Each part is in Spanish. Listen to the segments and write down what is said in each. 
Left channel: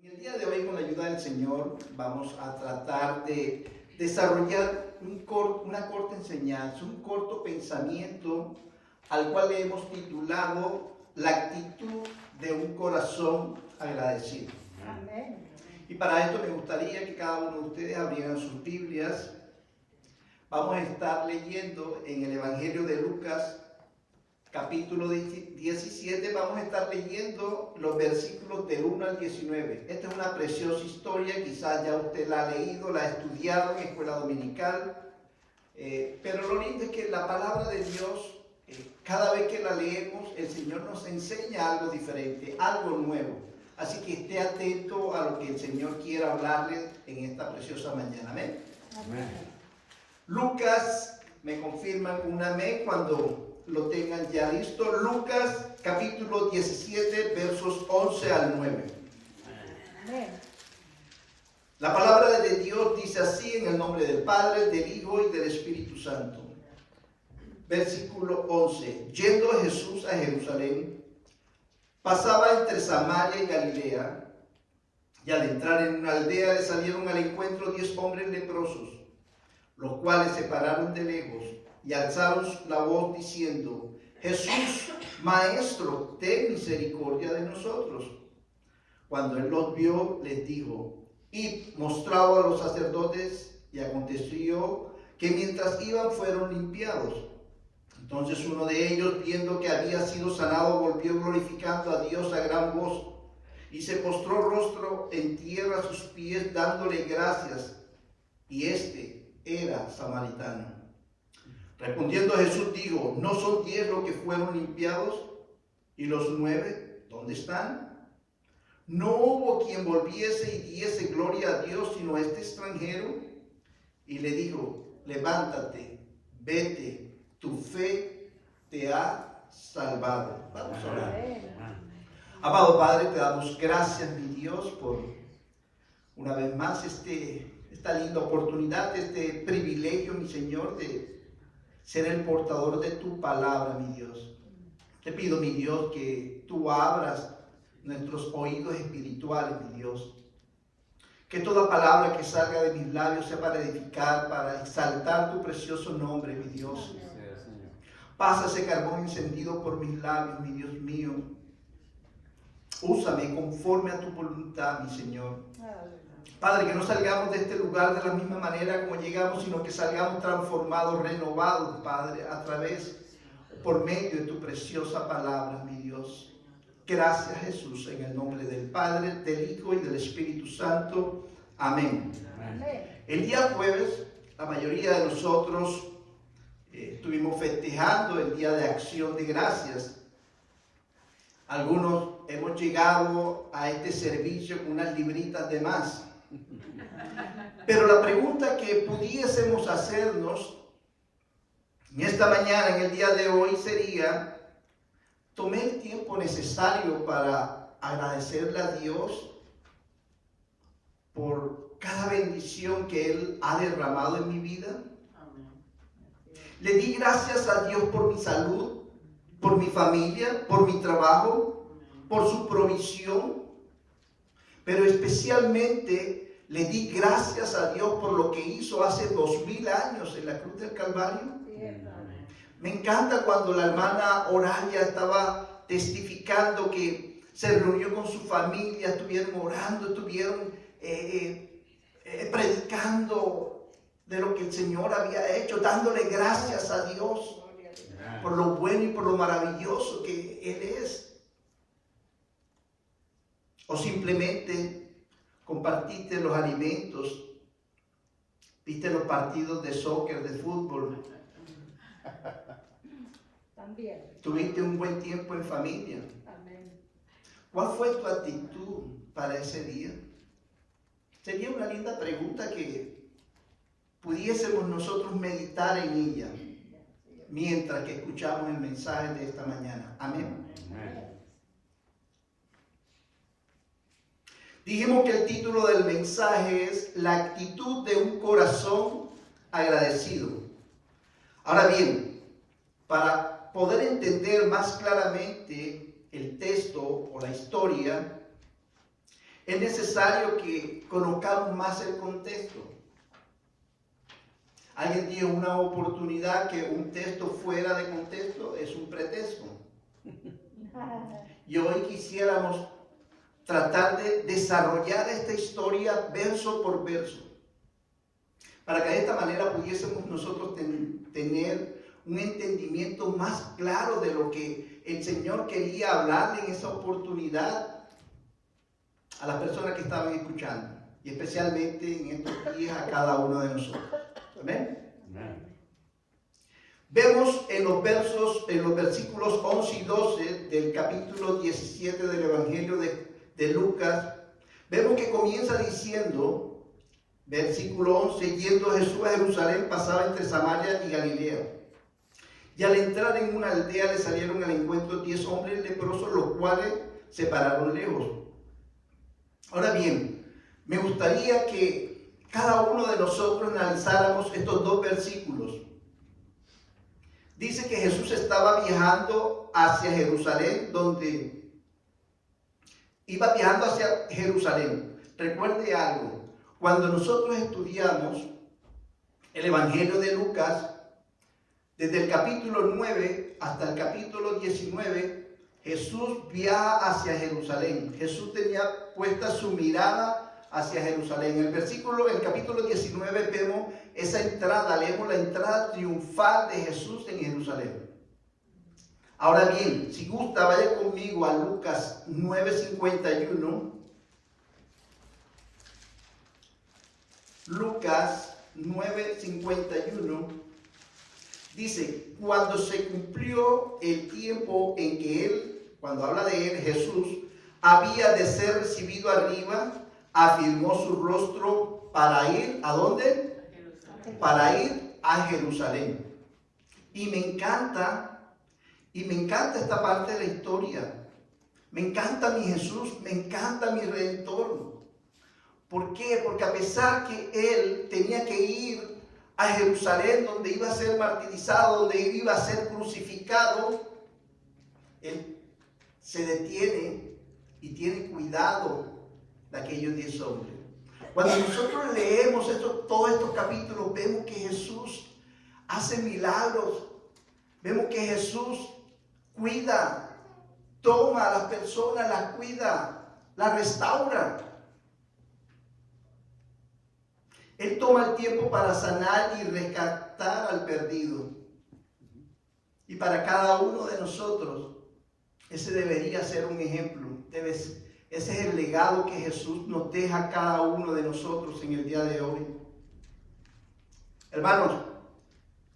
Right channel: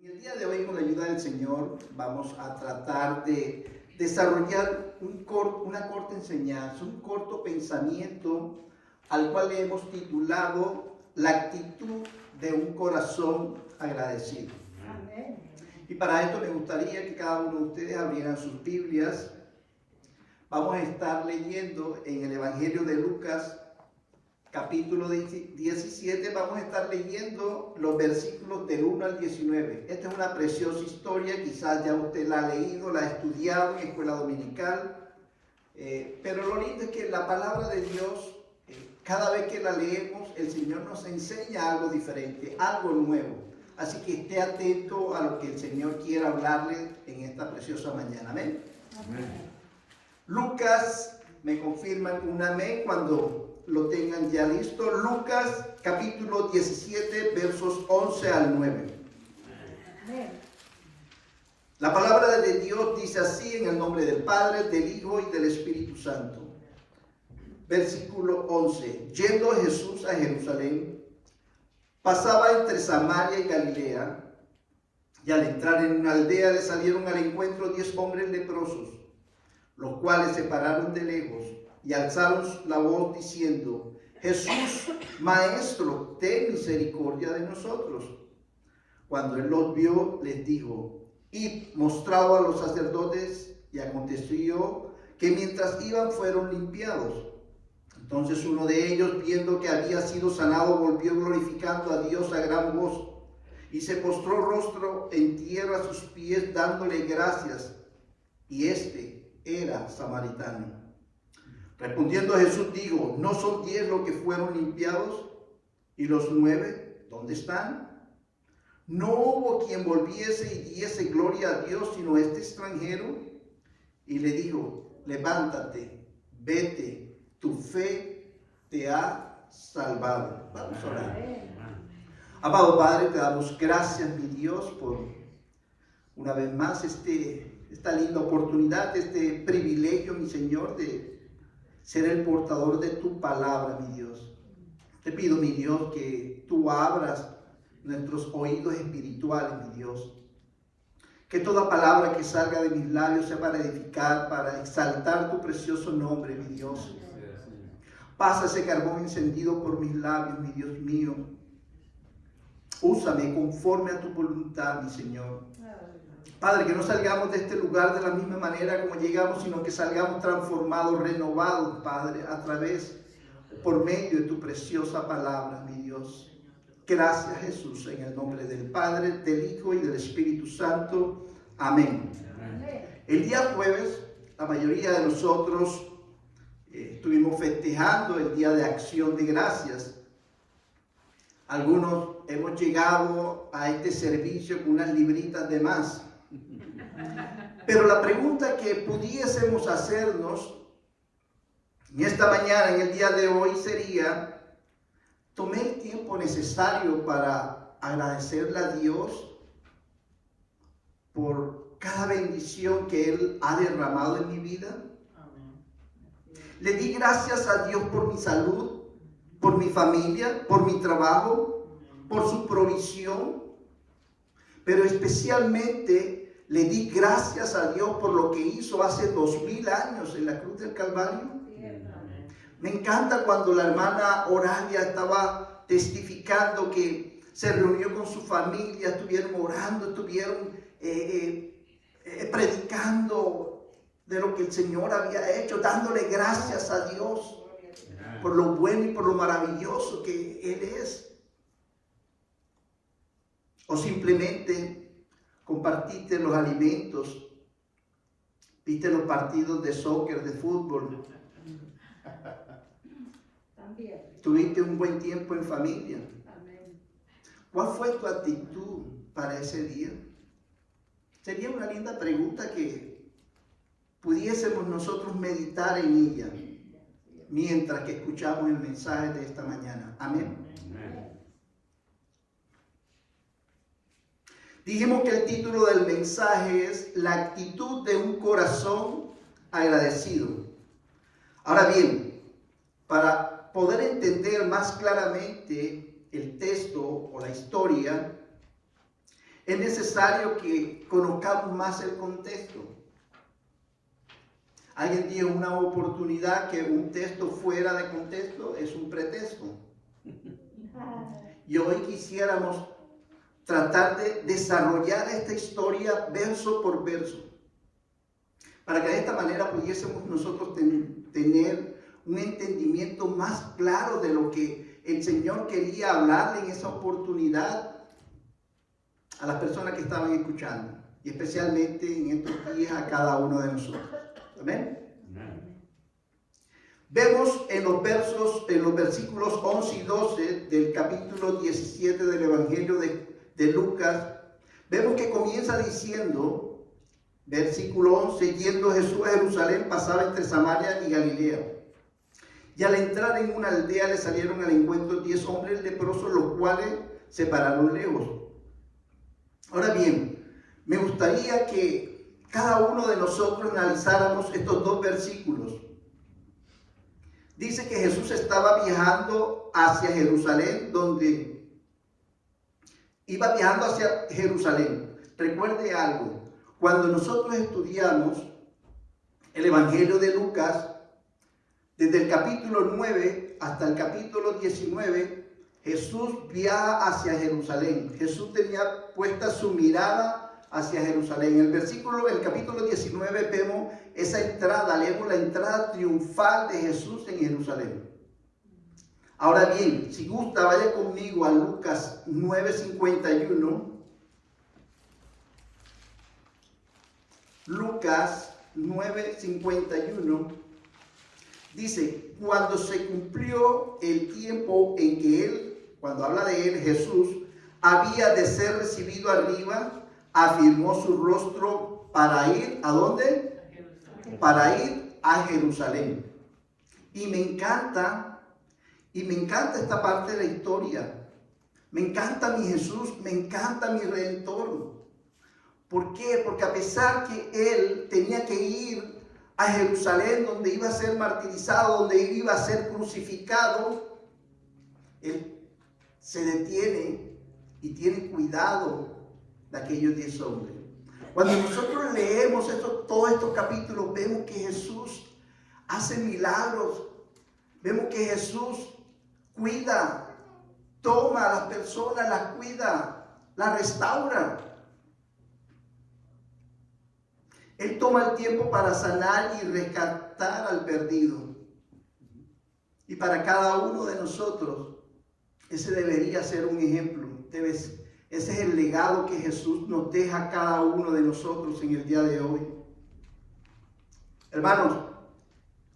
En el día de hoy, con la ayuda del Señor, vamos a tratar de desarrollar una corta enseñanza, un corto pensamiento, al cual le hemos titulado La actitud de un corazón agradecido. Amén. Y para esto me gustaría que cada uno de ustedes abrieran sus Biblias. Vamos a estar leyendo en el Evangelio de Lucas, capítulo 17, vamos a estar leyendo los versículos del 1 al 19. Esta es una preciosa historia, quizás ya usted la ha leído, la ha estudiado en escuela dominical, pero lo lindo es que la palabra de Dios, cada vez que la leemos, el Señor nos enseña algo diferente, algo nuevo. Así que esté atento a lo que el Señor quiera hablarle en esta preciosa mañana. Amén. Amén. Lucas, me confirman un amén cuando lo tengan ya listo. Lucas capítulo 17 versos 11 al 9. Amén. La palabra de Dios dice así, en el nombre del Padre, del Hijo y del Espíritu Santo. Versículo 11. Yendo Jesús a Jerusalén, pasaba entre Samaria y Galilea, y al entrar en una aldea le salieron al encuentro 10 hombres leprosos, los cuales se pararon de lejos y alzaron la voz diciendo: Jesús, Maestro, ten misericordia de nosotros. Cuando él los vio, les dijo: Id, mostrado a los sacerdotes. Y aconteció que mientras iban fueron limpiados. Entonces uno de ellos, viendo que había sido sanado, volvió glorificando a Dios a gran voz, y se postró rostro en tierra a sus pies, dándole gracias. Y este era samaritano. Respondiendo Jesús dijo: ¿no son 10 los que fueron limpiados? ¿Y los 9 dónde están? No hubo quien volviese y diese gloria a Dios, sino este extranjero. Y le dijo: levántate, vete, tu fe te ha salvado. Vamos a orar. Amado Padre, te damos gracias, mi Dios, por una vez más esta linda oportunidad, este privilegio, mi Señor, de ser el portador de tu palabra, mi Dios. Te pido, mi Dios, que tú abras nuestros oídos espirituales, mi Dios. Que toda palabra que salga de mis labios sea para edificar, para exaltar tu precioso nombre, mi Dios. Pasa ese carbón encendido por mis labios, mi Dios mío. Úsame conforme a tu voluntad, mi Señor. Padre, que no salgamos de este lugar de la misma manera como llegamos, sino que salgamos transformados, renovados, Padre, a través, por medio de tu preciosa palabra, mi Dios. Gracias, Jesús, en el nombre del Padre, del Hijo y del Espíritu Santo. Amén. Amén. El día jueves, la mayoría de nosotros estuvimos festejando el Día de Acción de Gracias. Algunos hemos llegado a este servicio con unas libritas de más. Pero la pregunta que pudiésemos hacernos en esta mañana, en el día de hoy, sería: ¿tomé el tiempo necesario para agradecerle a Dios por cada bendición que Él ha derramado en mi vida? ¿Le di gracias a Dios por mi salud, por mi familia, por mi trabajo, por su provisión? Pero especialmente le di gracias a Dios por lo que hizo hace 2000 años en la cruz del Calvario. Me encanta cuando la hermana Oralia estaba testificando que se reunió con su familia, estuvieron orando, estuvieron predicando de lo que el Señor había hecho, dándole gracias a Dios por lo bueno y por lo maravilloso que Él es. O simplemente compartiste los alimentos, viste los partidos de soccer, de fútbol. También. Tuviste un buen tiempo en familia. Amén. ¿Cuál fue tu actitud para ese día? Sería una linda pregunta que pudiésemos nosotros meditar en ella mientras que escuchamos el mensaje de esta mañana. Amén. Amén. Dijimos que el título del mensaje es La actitud de un corazón agradecido. Ahora bien, para poder entender más claramente el texto o la historia, es necesario que conozcamos más el contexto. Alguien dijo una oportunidad que un texto fuera de contexto es un pretexto. Y hoy quisiéramos tratar de desarrollar esta historia verso por verso, para que de esta manera pudiésemos nosotros tener un entendimiento más claro de lo que el Señor quería hablarle en esa oportunidad a las personas que estaban escuchando, y especialmente en estos días a cada uno de nosotros. Amén. Vemos en los versículos 11 y 12 del capítulo 17 del Evangelio de Lucas, vemos que comienza diciendo, versículo 11, yendo Jesús a Jerusalén, pasaba entre Samaria y Galilea. Y al entrar en una aldea le salieron al encuentro 10 hombres leprosos, los cuales se pararon lejos. Ahora bien, me gustaría que cada uno de nosotros analizáramos estos dos versículos. Dice que Jesús estaba viajando hacia Jerusalén, iba viajando hacia Jerusalén. Recuerde algo, cuando nosotros estudiamos el Evangelio de Lucas, desde el capítulo 9 hasta el capítulo 19, Jesús viaja hacia Jerusalén. Jesús tenía puesta su mirada hacia Jerusalén. En el capítulo 19 vemos esa entrada, leemos la entrada triunfal de Jesús en Jerusalén. Ahora bien, si gusta, vaya conmigo a Lucas 9:51. Lucas 9:51 dice, cuando se cumplió el tiempo en que él, cuando habla de él, Jesús, había de ser recibido arriba, afirmó su rostro para ir, ¿a dónde? Para ir a Jerusalén. Y me encanta esta parte de la historia. Me encanta mi Jesús, me encanta mi Redentor. ¿Por qué? Porque a pesar que él tenía que ir a Jerusalén, donde iba a ser martirizado, donde iba a ser crucificado, él se detiene y tiene cuidado de aquellos 10 hombres. Cuando nosotros leemos todos estos capítulos, vemos que Jesús hace milagros, vemos que Jesús cuida, toma a las personas, las cuida, las restaura. Él toma el tiempo para sanar y rescatar al perdido. Y para cada uno de nosotros, ese debería ser un ejemplo. Ese es el legado que Jesús nos deja a cada uno de nosotros en el día de hoy. Hermanos,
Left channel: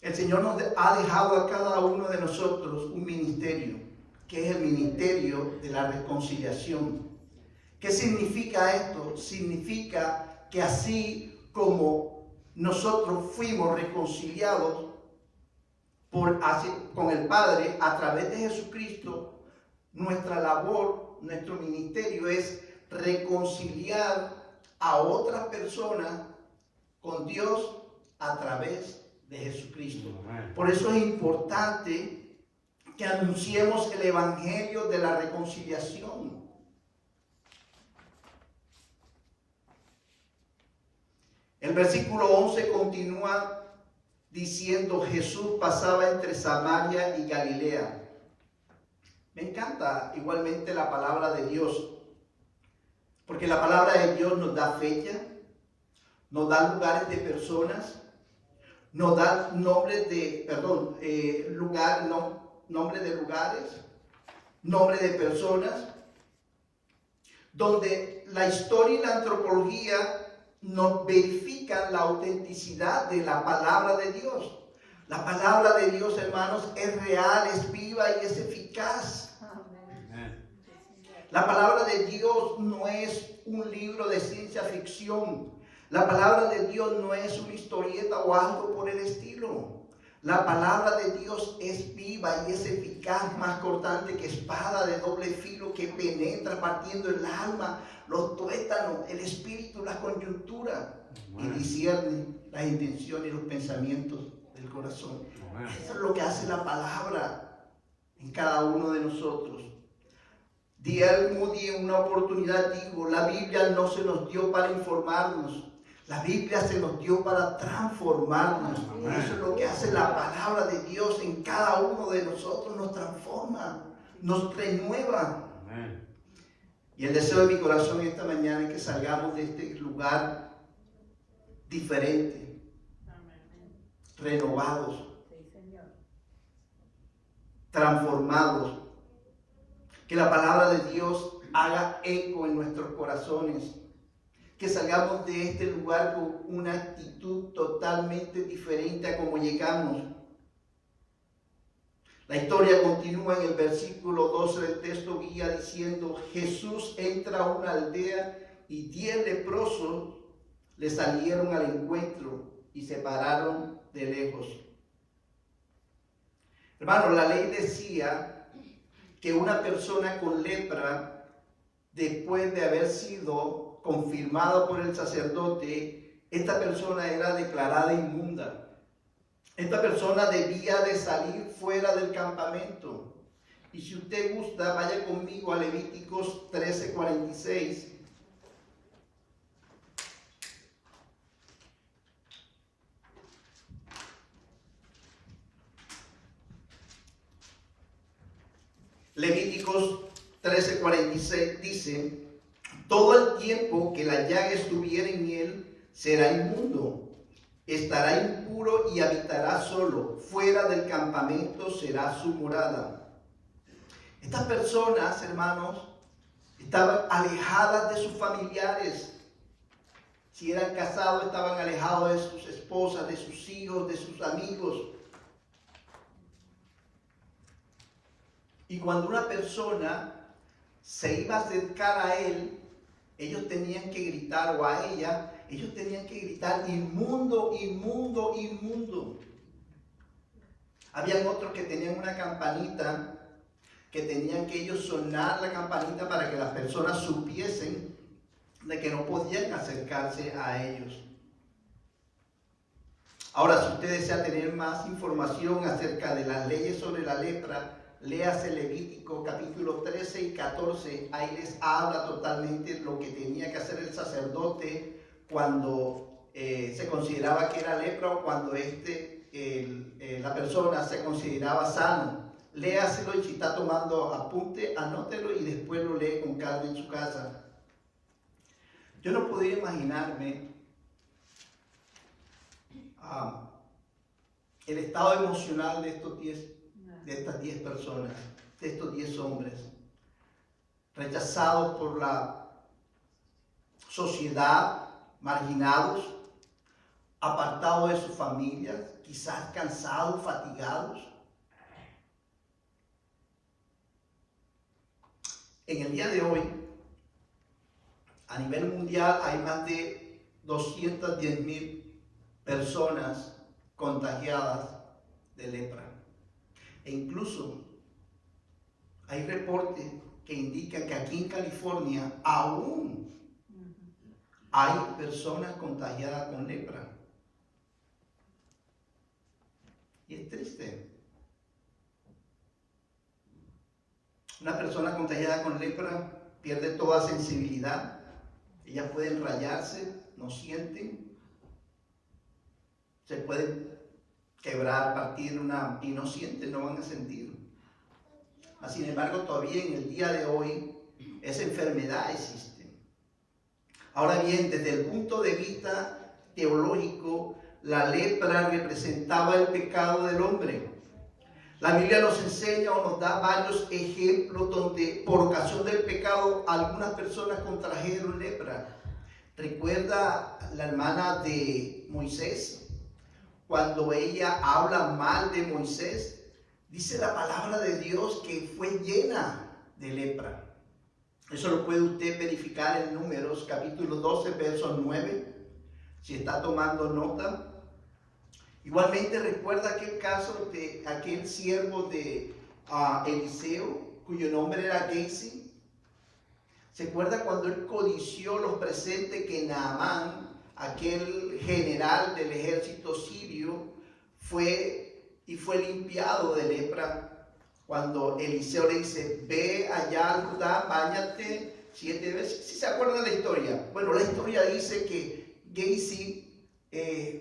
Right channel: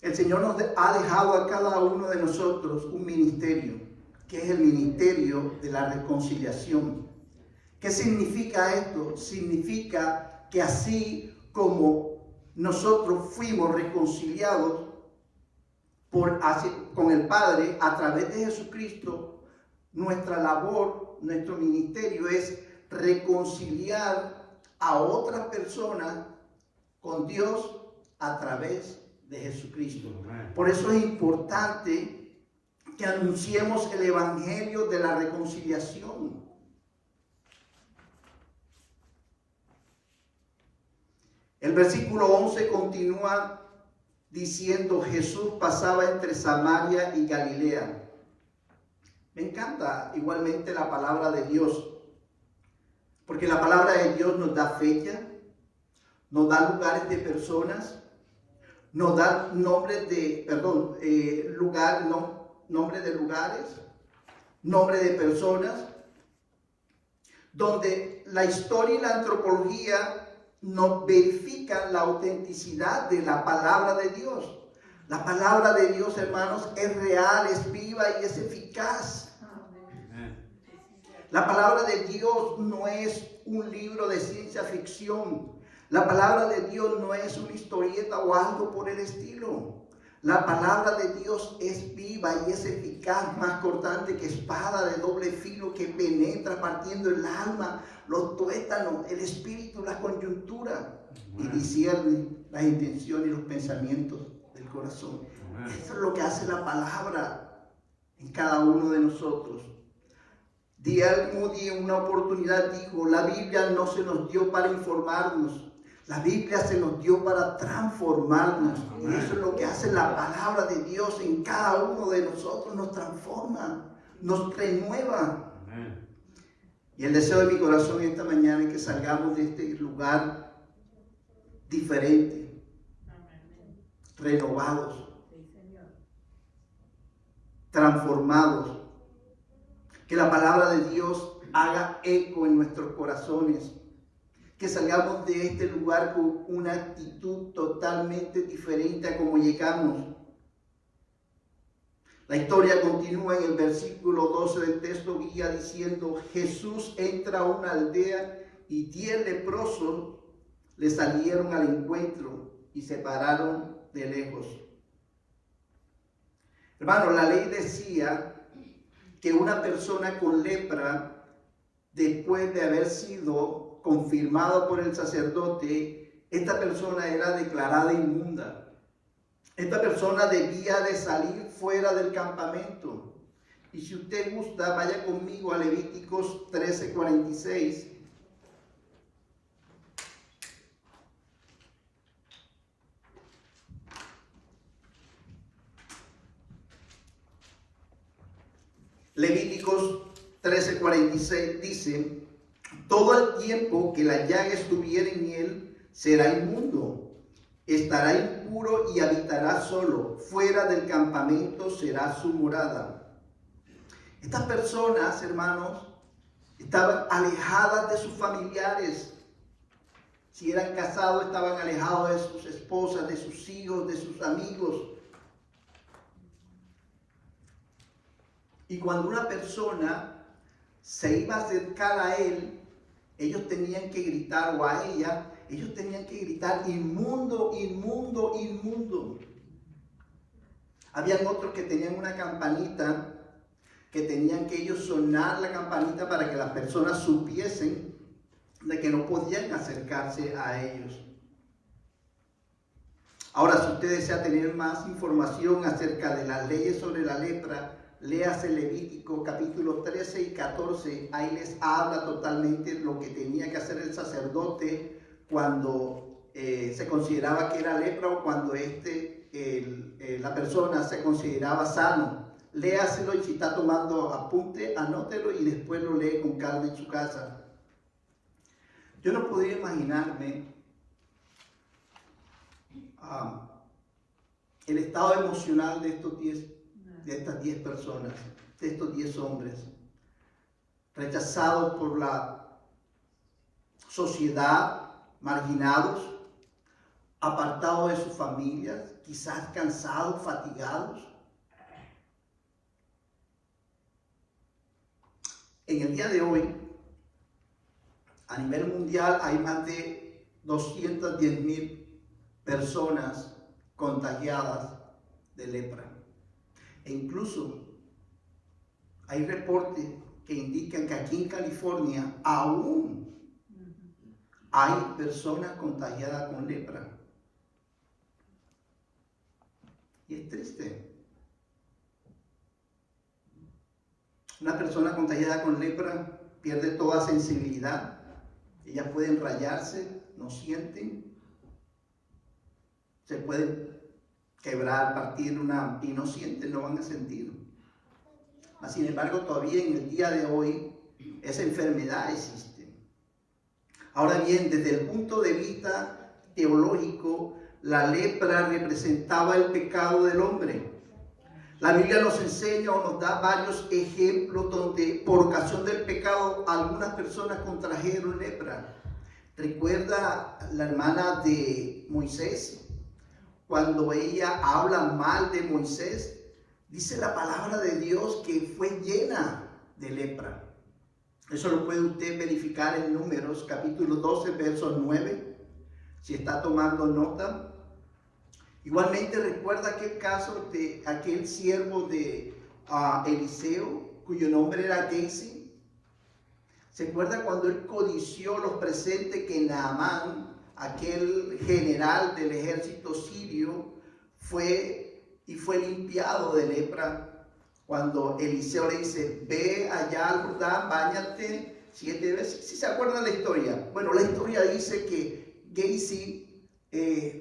el Señor nos ha dejado a cada uno de nosotros un ministerio, que es el ministerio de la reconciliación. ¿Qué significa esto? Significa que así como nosotros fuimos reconciliados con el Padre a través de Jesucristo, nuestra labor, nuestro ministerio es reconciliar a otras personas con Dios a través de Jesucristo. Por eso es importante que anunciemos el evangelio de la reconciliación. El versículo 11 continúa diciendo, Jesús pasaba entre Samaria y Galilea. Me encanta igualmente la palabra de Dios, porque la palabra de Dios nos da fecha, nos da lugares de personas, nos da nombres de, nombres de lugares, nombres de personas, donde la historia y la antropología nos verifican la autenticidad de la palabra de Dios. La palabra de Dios, hermanos, es real, es viva y es eficaz. La palabra de Dios no es un libro de ciencia ficción. La palabra de Dios no es una historieta o algo por el estilo. La palabra de Dios es viva y es eficaz, más cortante que espada de doble filo, que penetra partiendo el alma, los tuétanos, el espíritu, la coyuntura, y discierne las intenciones y los pensamientos del corazón. Eso es lo que hace la palabra en cada uno de nosotros. D.L. Moody en una oportunidad dijo, la Biblia no se nos dio para informarnos, la Biblia se nos dio para transformarnos. Y eso es lo que hace la palabra de Dios en cada uno de nosotros, nos transforma, nos renueva. Amén. Y el deseo de mi corazón esta mañana es que salgamos de este lugar diferente, renovados, transformados. Que la palabra de Dios haga eco en nuestros corazones. Que salgamos de este lugar con una actitud totalmente diferente a como llegamos. La historia continúa en el versículo 12 del texto guía diciendo, Jesús entra a una aldea y 10 leprosos le salieron al encuentro y se pararon de lejos. Hermano, la ley decía que una persona con lepra, después de haber sido confirmado por el sacerdote, esta persona era declarada inmunda. Esta persona debía de salir fuera del campamento. Y si usted gusta, vaya conmigo a Levíticos 13:46. Levíticos 13:46 dice, todo el tiempo que la llaga estuviera en él será inmundo, estará impuro y habitará solo, fuera del campamento será su morada. Estas personas, hermanos, estaban alejadas de sus familiares. Si eran casados, estaban alejados de sus esposas, de sus hijos, de sus amigos. Y cuando una persona se iba a acercar a él, ellos tenían que gritar, o a ella, ellos tenían que gritar, inmundo, inmundo, inmundo. Habían otros que tenían una campanita, que tenían que ellos sonar la campanita para que las personas supiesen de que no podían acercarse a ellos. Ahora, si usted desea tener más información acerca de las leyes sobre la lepra, léase Levítico capítulo 13 y 14, ahí les habla totalmente lo que tenía que hacer el sacerdote cuando se consideraba que era lepra o cuando la persona se consideraba sano. Léaselo y si está tomando apunte, anótelo y después lo lee con calma en su casa. Yo no podía imaginarme el estado emocional de estas 10 personas, de estos 10 hombres, rechazados por la sociedad, marginados, apartados de sus familias, quizás cansados, fatigados. En el día de hoy, a nivel mundial, hay más de 210,000 personas contagiadas de lepra. E incluso hay reportes que indican que aquí en California aún hay personas contagiadas con lepra. Y es triste. Una persona contagiada con lepra pierde toda sensibilidad. Ellas pueden rayarse, no sienten. Se pueden quebrar, partir y no sienten, no van a sentir. Mas, sin embargo, todavía en el día de hoy esa enfermedad existe. Ahora bien, desde el punto de vista teológico, la lepra representaba el pecado del hombre. La Biblia nos enseña o nos da varios ejemplos donde por ocasión del pecado algunas personas contrajeron lepra. ¿Recuerda la hermana de Moisés? Cuando ella habla mal de Moisés, dice la palabra de Dios que fue llena de lepra. Eso lo puede usted verificar en Números, capítulo 12, verso 9, si está tomando nota. Igualmente recuerda aquel caso de aquel siervo de Eliseo, cuyo nombre era Gehazi. ¿Se acuerda cuando él codició los presentes que Naamán, aquel general del ejército sirio, fue limpiado de lepra cuando Eliseo le dice, ve allá al Jordán, báñate 7 veces. ¿Sí se acuerdan la historia? Bueno, la historia dice que Gehazi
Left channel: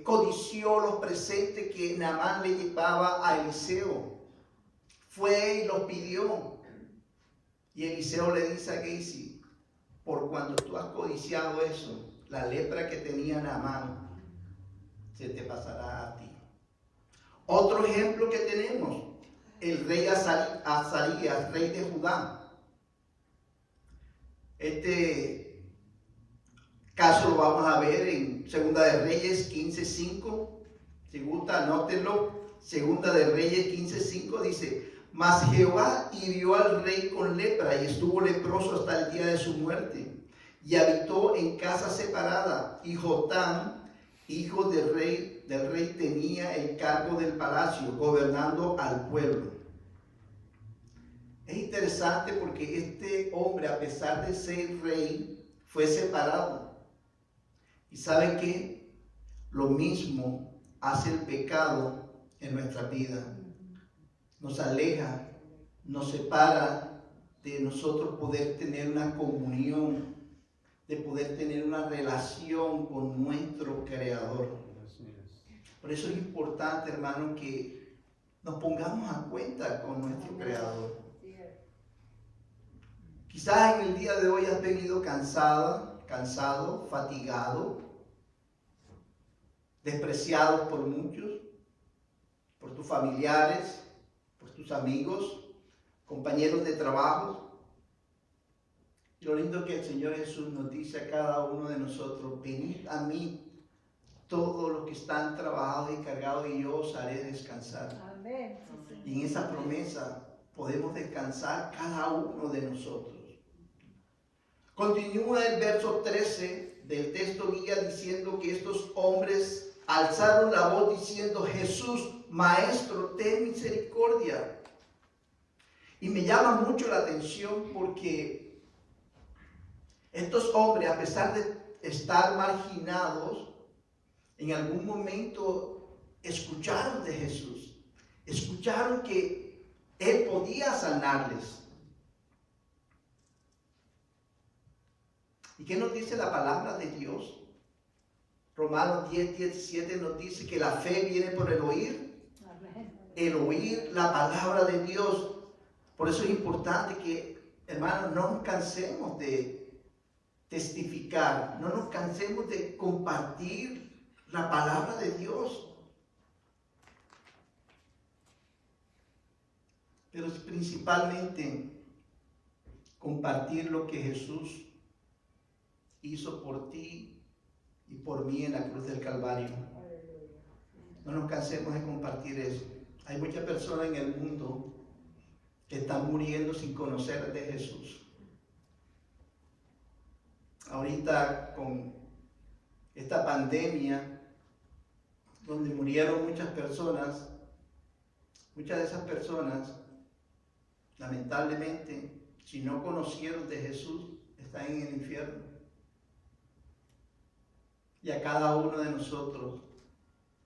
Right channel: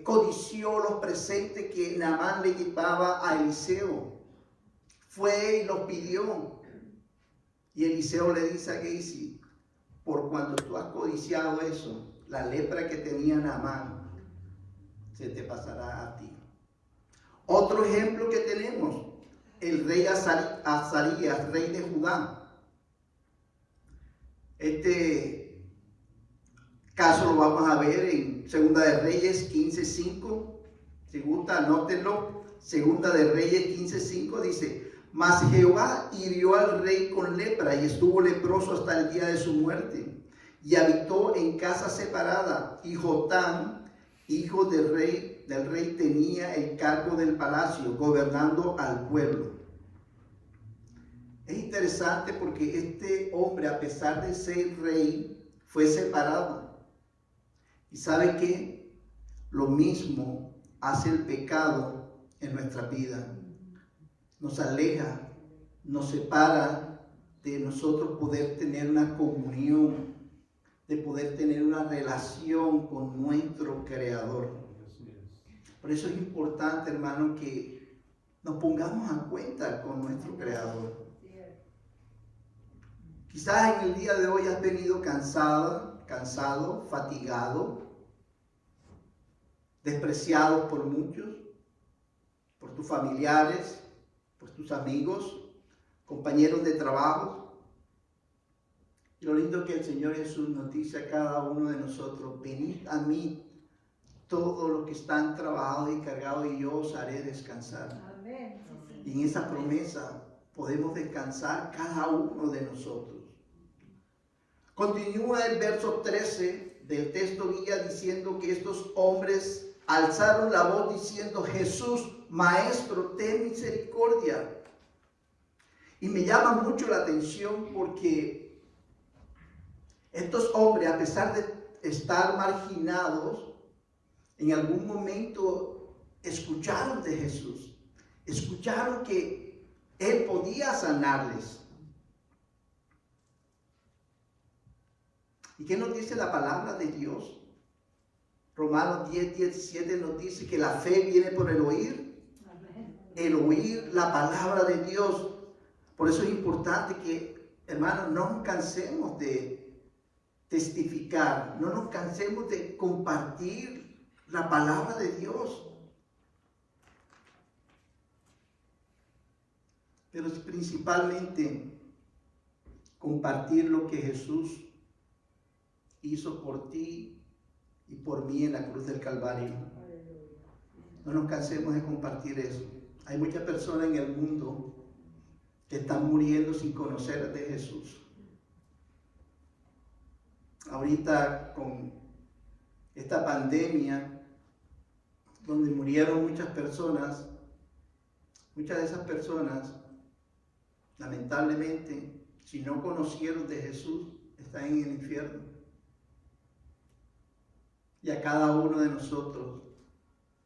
codició los presentes que Naamán le llevaba a Eliseo. Fue y los pidió. Y Eliseo le dice a Gehazi, por cuando tú has codiciado eso, la lepra que tenía Naamán se te pasará a ti. Otro ejemplo que tenemos, el rey Azarías, rey de Judá. Este caso lo vamos a ver en Segunda de Reyes 15:5. Si gusta, anótenlo. Segunda de Reyes 15:5 dice, mas Jehová hirió al rey con lepra y estuvo leproso hasta el día de su muerte. Y habitó en casa separada. Y Jotam, hijo del rey, tenía el cargo del palacio, gobernando al pueblo. Es interesante porque este hombre, a pesar de ser rey, fue separado. ¿Y sabe qué? Lo mismo hace el pecado en nuestra vida. Nos aleja, nos separa de nosotros poder tener una comunión, de poder tener una relación con nuestro Creador. Por eso es importante, hermano, que nos pongamos a cuenta con nuestro Creador. Quizás en el día de hoy has venido cansado, fatigado, despreciado por muchos, por tus familiares, por tus amigos, compañeros de trabajo. Y lo lindo que el Señor Jesús nos dice a cada uno de nosotros, venid a mí, todos los que están trabajados y cargados, y yo os haré descansar. Amén. Y en esa promesa podemos descansar cada uno de nosotros. Continúa el verso 13 del texto guía diciendo que estos hombres alzaron la voz diciendo, Jesús, Maestro, ten misericordia. Y me llama mucho la atención porque estos hombres, a pesar de estar marginados, en algún momento escucharon de Jesús. Escucharon que Él podía sanarles. ¿Y qué nos dice la palabra de Dios? Romanos 10:17 nos dice que la fe viene por el oír. El oír la palabra de Dios. Por eso es importante que, hermanos, no nos cansemos de testificar, no nos cansemos de compartir la palabra de Dios. Pero es principalmente compartir lo que Jesús hizo por ti y por mí en la cruz del Calvario. No nos cansemos de compartir eso. Hay muchas personas en el mundo que están muriendo sin conocer de Jesús. Ahorita con esta pandemia, donde murieron muchas personas de esas personas, lamentablemente, si no conocieron de Jesús, están en el infierno. Y a cada uno de nosotros,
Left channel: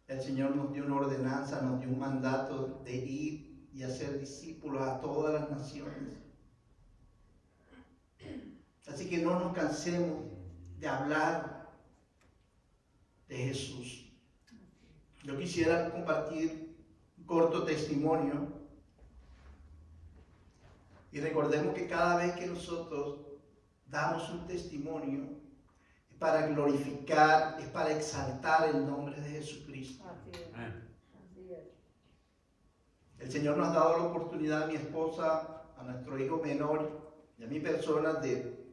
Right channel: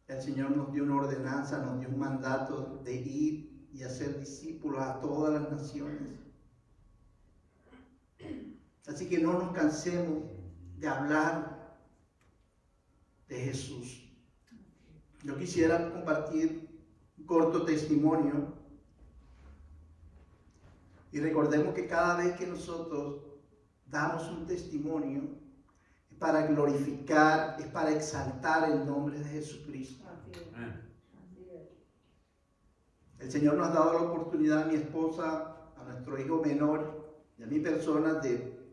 el Señor nos dio una ordenanza, nos dio un mandato de ir y hacer discípulos a todas las naciones. Así que no nos cansemos de hablar de Jesús. Yo quisiera compartir un corto testimonio. Y recordemos que cada vez que nosotros damos un testimonio, es para glorificar, es para exaltar el nombre de Jesucristo. El Señor nos ha dado la oportunidad a mi esposa, a nuestro hijo menor y a mi persona de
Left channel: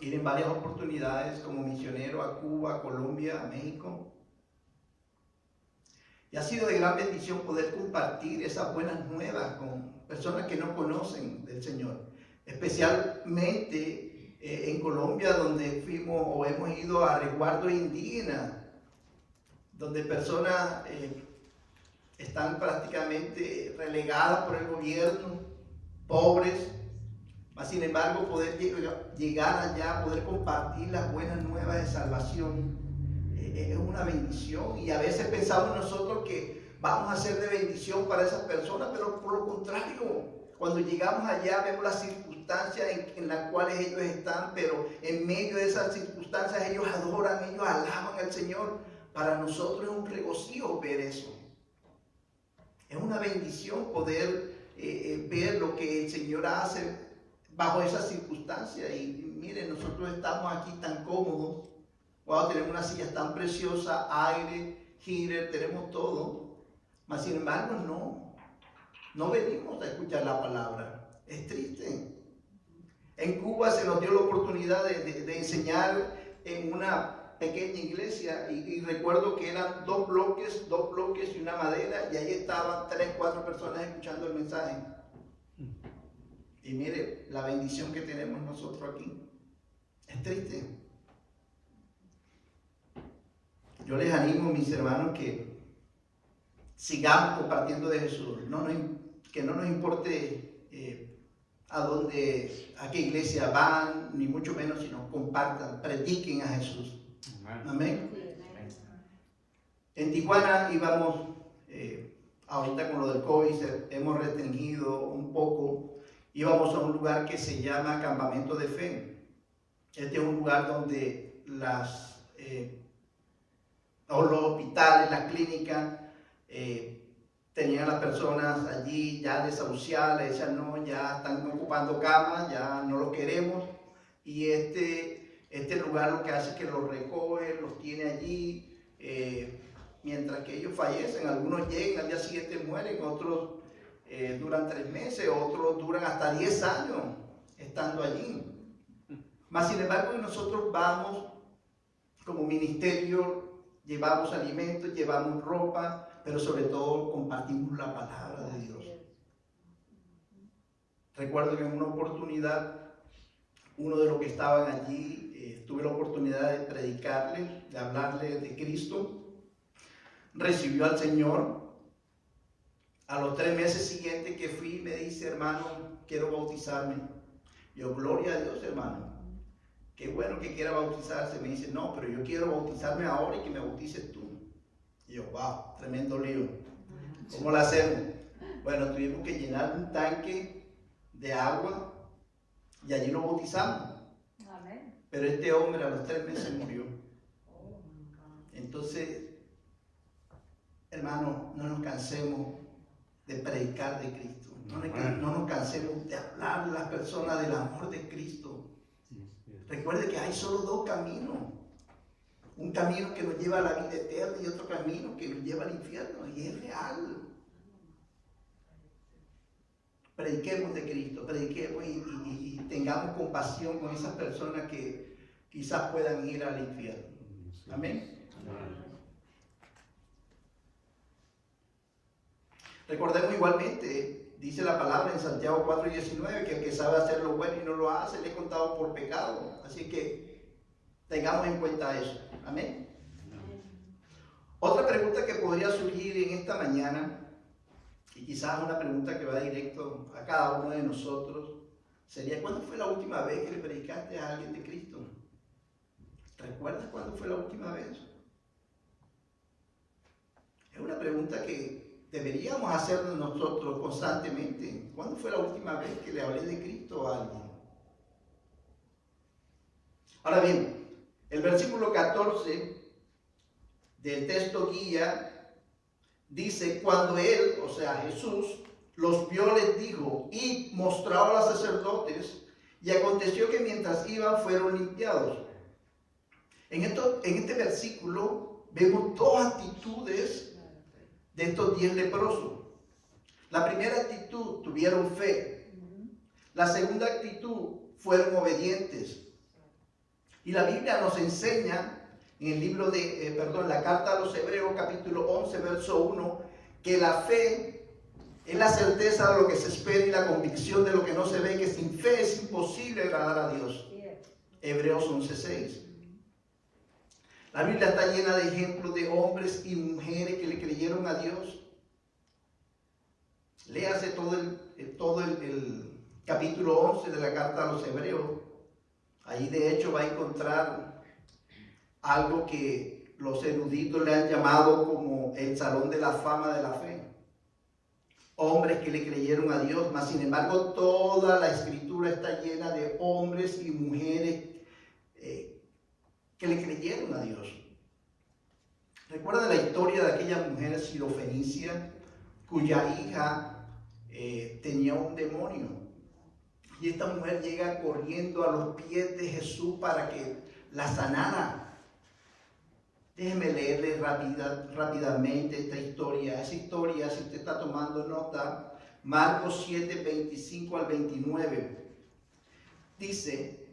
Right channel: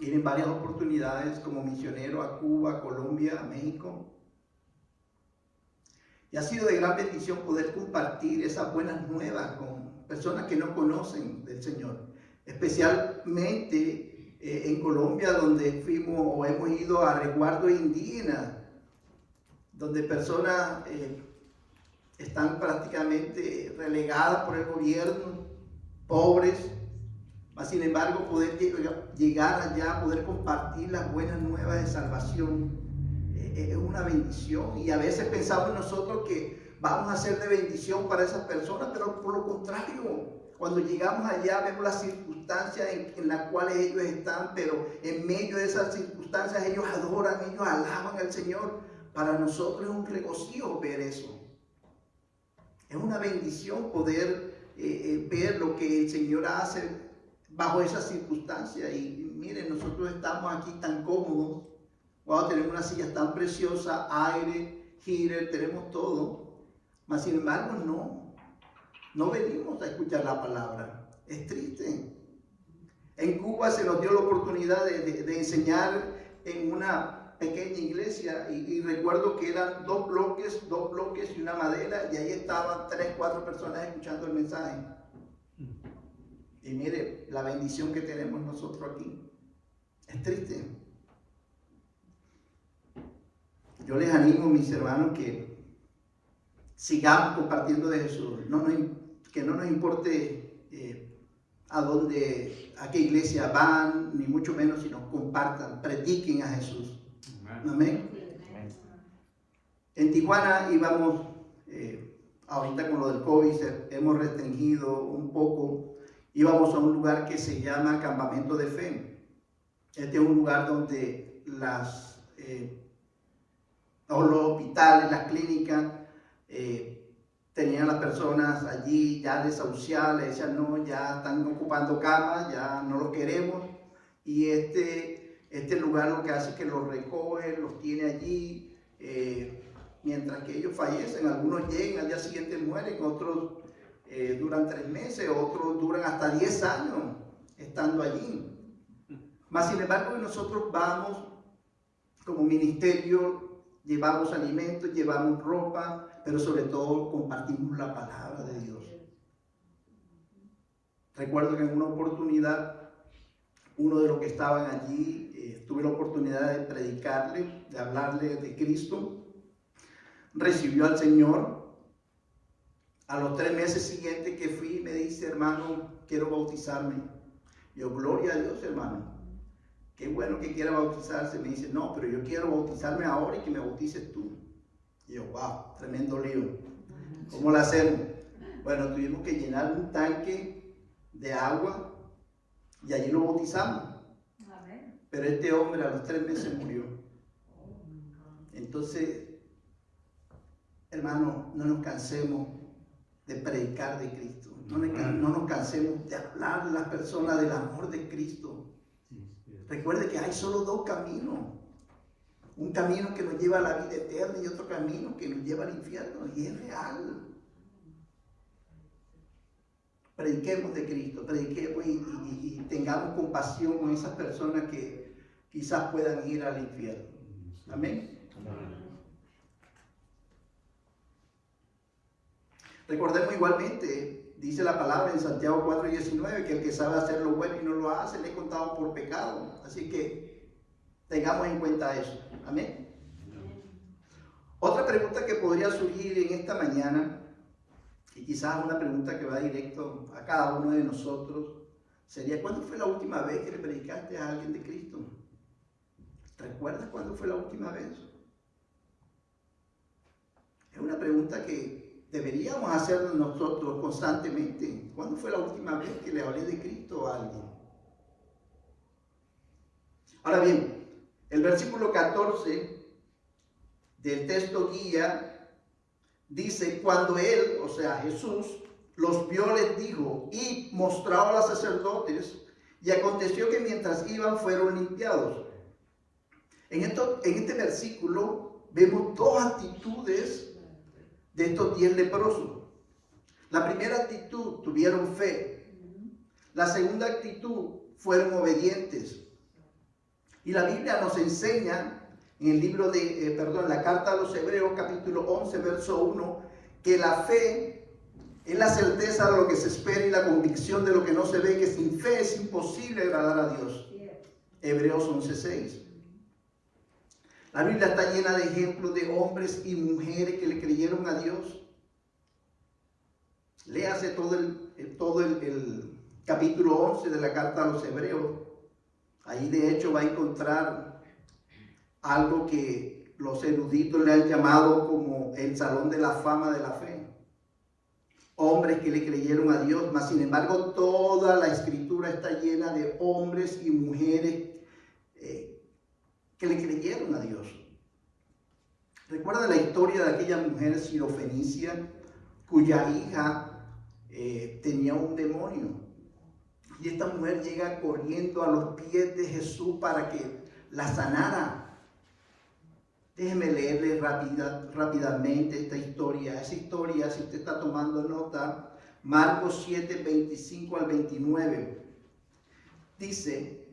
ir en varias oportunidades como misionero a Cuba, a Colombia, a México. Y ha sido de gran bendición poder compartir esas buenas nuevas con personas que no conocen del Señor. Especialmente en Colombia, donde fuimos o hemos ido a resguardo indígena, donde personas están prácticamente relegadas por el gobierno, pobres, mas sin embargo poder llegar allá, poder compartir las buenas nuevas de salvación, es una bendición. Y a veces pensamos nosotros que vamos a ser de bendición para esas personas, pero por lo contrario, Cuando llegamos allá vemos las circunstancias en las cuales ellos están, pero en medio de esas circunstancias ellos adoran, ellos alaban al Señor. Para nosotros es un regocijo ver eso. Es una bendición poder ver lo que el Señor hace bajo esas circunstancias. Y miren, nosotros estamos aquí tan cómodos. Wow, tenemos unas sillas tan preciosas, aire, heater, tenemos todo. Mas sin embargo, no venimos a escuchar la palabra. Es triste. En Cuba se nos dio la oportunidad de enseñar en una pequeña iglesia y recuerdo que eran dos bloques y una madera, y ahí estaban 3, 4 personas escuchando el mensaje. Y mire la bendición que tenemos nosotros aquí. Es triste. Yo les animo, mis hermanos, que sigamos compartiendo de Jesús. Que no nos importe a qué iglesia van, ni mucho menos, sino compartan, prediquen a Jesús. Amén. En Tijuana íbamos, ahorita con lo del COVID hemos restringido un poco, íbamos a un lugar que se llama Campamento de Fe. Este es un lugar donde los hospitales, las clínicas, tenían a las personas allí ya desahuciadas, le decían no, ya están ocupando camas, ya no los queremos. Y este lugar lo que hace es que los recoge, los tiene allí, mientras que ellos fallecen. Algunos llegan, al día siguiente mueren, otros duran 3 meses, otros duran hasta 10 años estando allí. Mas sin embargo, nosotros vamos como ministerio, llevamos alimentos, llevamos ropa, pero sobre todo compartimos la palabra de Dios. Recuerdo que en una oportunidad, uno de los que estaban allí, tuve la oportunidad de predicarle, de hablarle de Cristo. Recibió al Señor. A los 3 meses siguientes que fui, me dice, hermano, quiero bautizarme. Yo, gloria a Dios, hermano. Qué bueno que quiera bautizarse. Me dice, no, pero yo quiero bautizarme ahora y que me bautices tú. Y yo, wow, tremendo lío. ¿Cómo lo hacemos? Bueno, tuvimos que llenar un tanque de agua y allí lo bautizamos. Pero este hombre a los 3 meses murió. Entonces, hermano, no nos cansemos de predicar de Cristo. No nos cansemos de hablar a las personas del amor de Cristo. Recuerde que hay solo 2 caminos. Un camino que nos lleva a la vida eterna y otro camino que nos lleva al infierno. Y es real. Prediquemos de Cristo, prediquemos y tengamos compasión con esas personas que quizás puedan ir al infierno. Amén. Recordemos igualmente, dice la palabra en Santiago 4:19, que el que sabe hacer lo bueno y no lo hace, le he contado por pecado. Así que tengamos en cuenta eso. Amén. Otra pregunta que podría surgir en esta mañana, y quizás una pregunta que va directo a cada uno de nosotros, sería: ¿cuándo fue la última vez que le predicaste a alguien de Cristo? ¿Recuerdas cuándo fue la última vez? Es una pregunta que deberíamos hacernos nosotros constantemente. ¿Cuándo fue la última vez que le hablé de Cristo a alguien? Ahora bien, el versículo 14 del texto guía dice: cuando él, o sea Jesús, los vio, les dijo: y mostró a los sacerdotes, y aconteció que mientras iban fueron limpiados. En este versículo vemos 2 actitudes de estos 10 leprosos. La primera actitud, tuvieron fe. La segunda actitud, fueron obedientes. Y la Biblia nos enseña en el libro de, la carta a los Hebreos, capítulo 11, verso 1, que la fe es la certeza de lo que se espera y la convicción de lo que no se ve, que sin fe es imposible agradar a Dios. Hebreos 11:6. La Biblia está llena de ejemplos de hombres y mujeres que le creyeron a Dios. Léase todo el capítulo 11 de la carta a los Hebreos. Ahí de hecho va a encontrar algo que los eruditos le han llamado como el salón de la fama de la fe. hombres que le creyeron a Dios, mas sin embargo toda la escritura está llena de hombres y mujeres que le creyeron a Dios. ¿Recuerda la historia de aquella mujer sirofenicia cuya hija tenía un demonio? Y esta mujer llega corriendo a los pies de Jesús para que la sanara. Déjeme leerle rápidamente esta historia. Esa historia, si usted está tomando nota, Marcos 7, 25 al 29. Dice:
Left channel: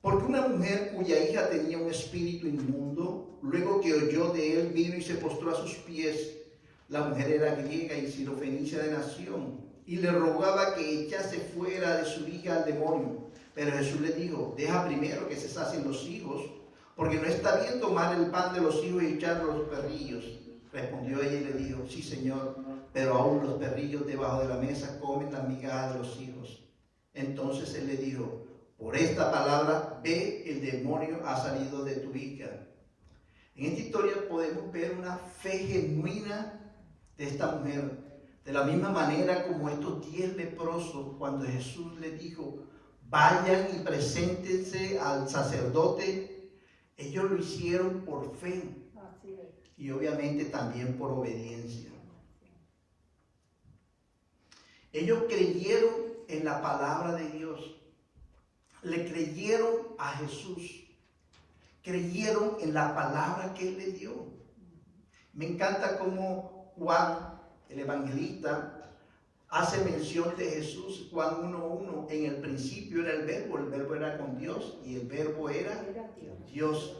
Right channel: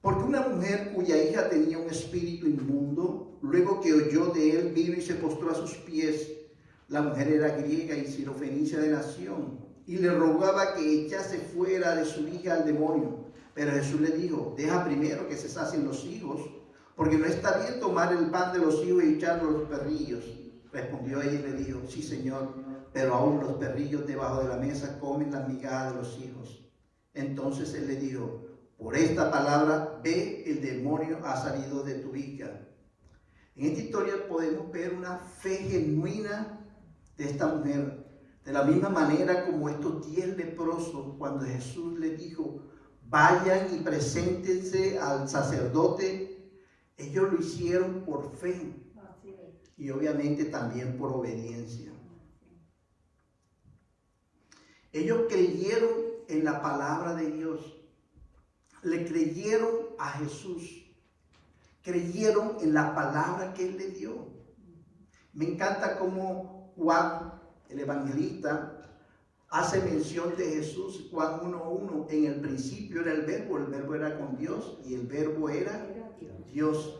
porque una mujer cuya hija tenía un espíritu inmundo, luego que oyó de él, vino y se postró a sus pies. La mujer era griega y sirofenicia de nación, y le rogaba que echase fuera de su hija al demonio. Pero Jesús le dijo: deja primero que se sacien los hijos, porque no está bien tomar el pan de los hijos y echarlo a los perrillos. Respondió ella y le dijo: sí, Señor, pero aún los perrillos debajo de la mesa comen las migajas de los hijos. Entonces él le dijo: por esta palabra, ve, el demonio ha salido de tu hija. En esta historia podemos ver una fe genuina de esta mujer. De la misma manera como estos 10 leprosos, cuando Jesús les dijo: vayan y preséntense al sacerdote, ellos lo hicieron por fe y obviamente también por obediencia. Ellos creyeron en la palabra de Dios, le creyeron a Jesús, creyeron en la palabra que Él les dio. Me encanta cómo Juan, el evangelista, hace mención de Jesús. Juan 1:1, en el principio era el verbo era con Dios y el verbo era Dios.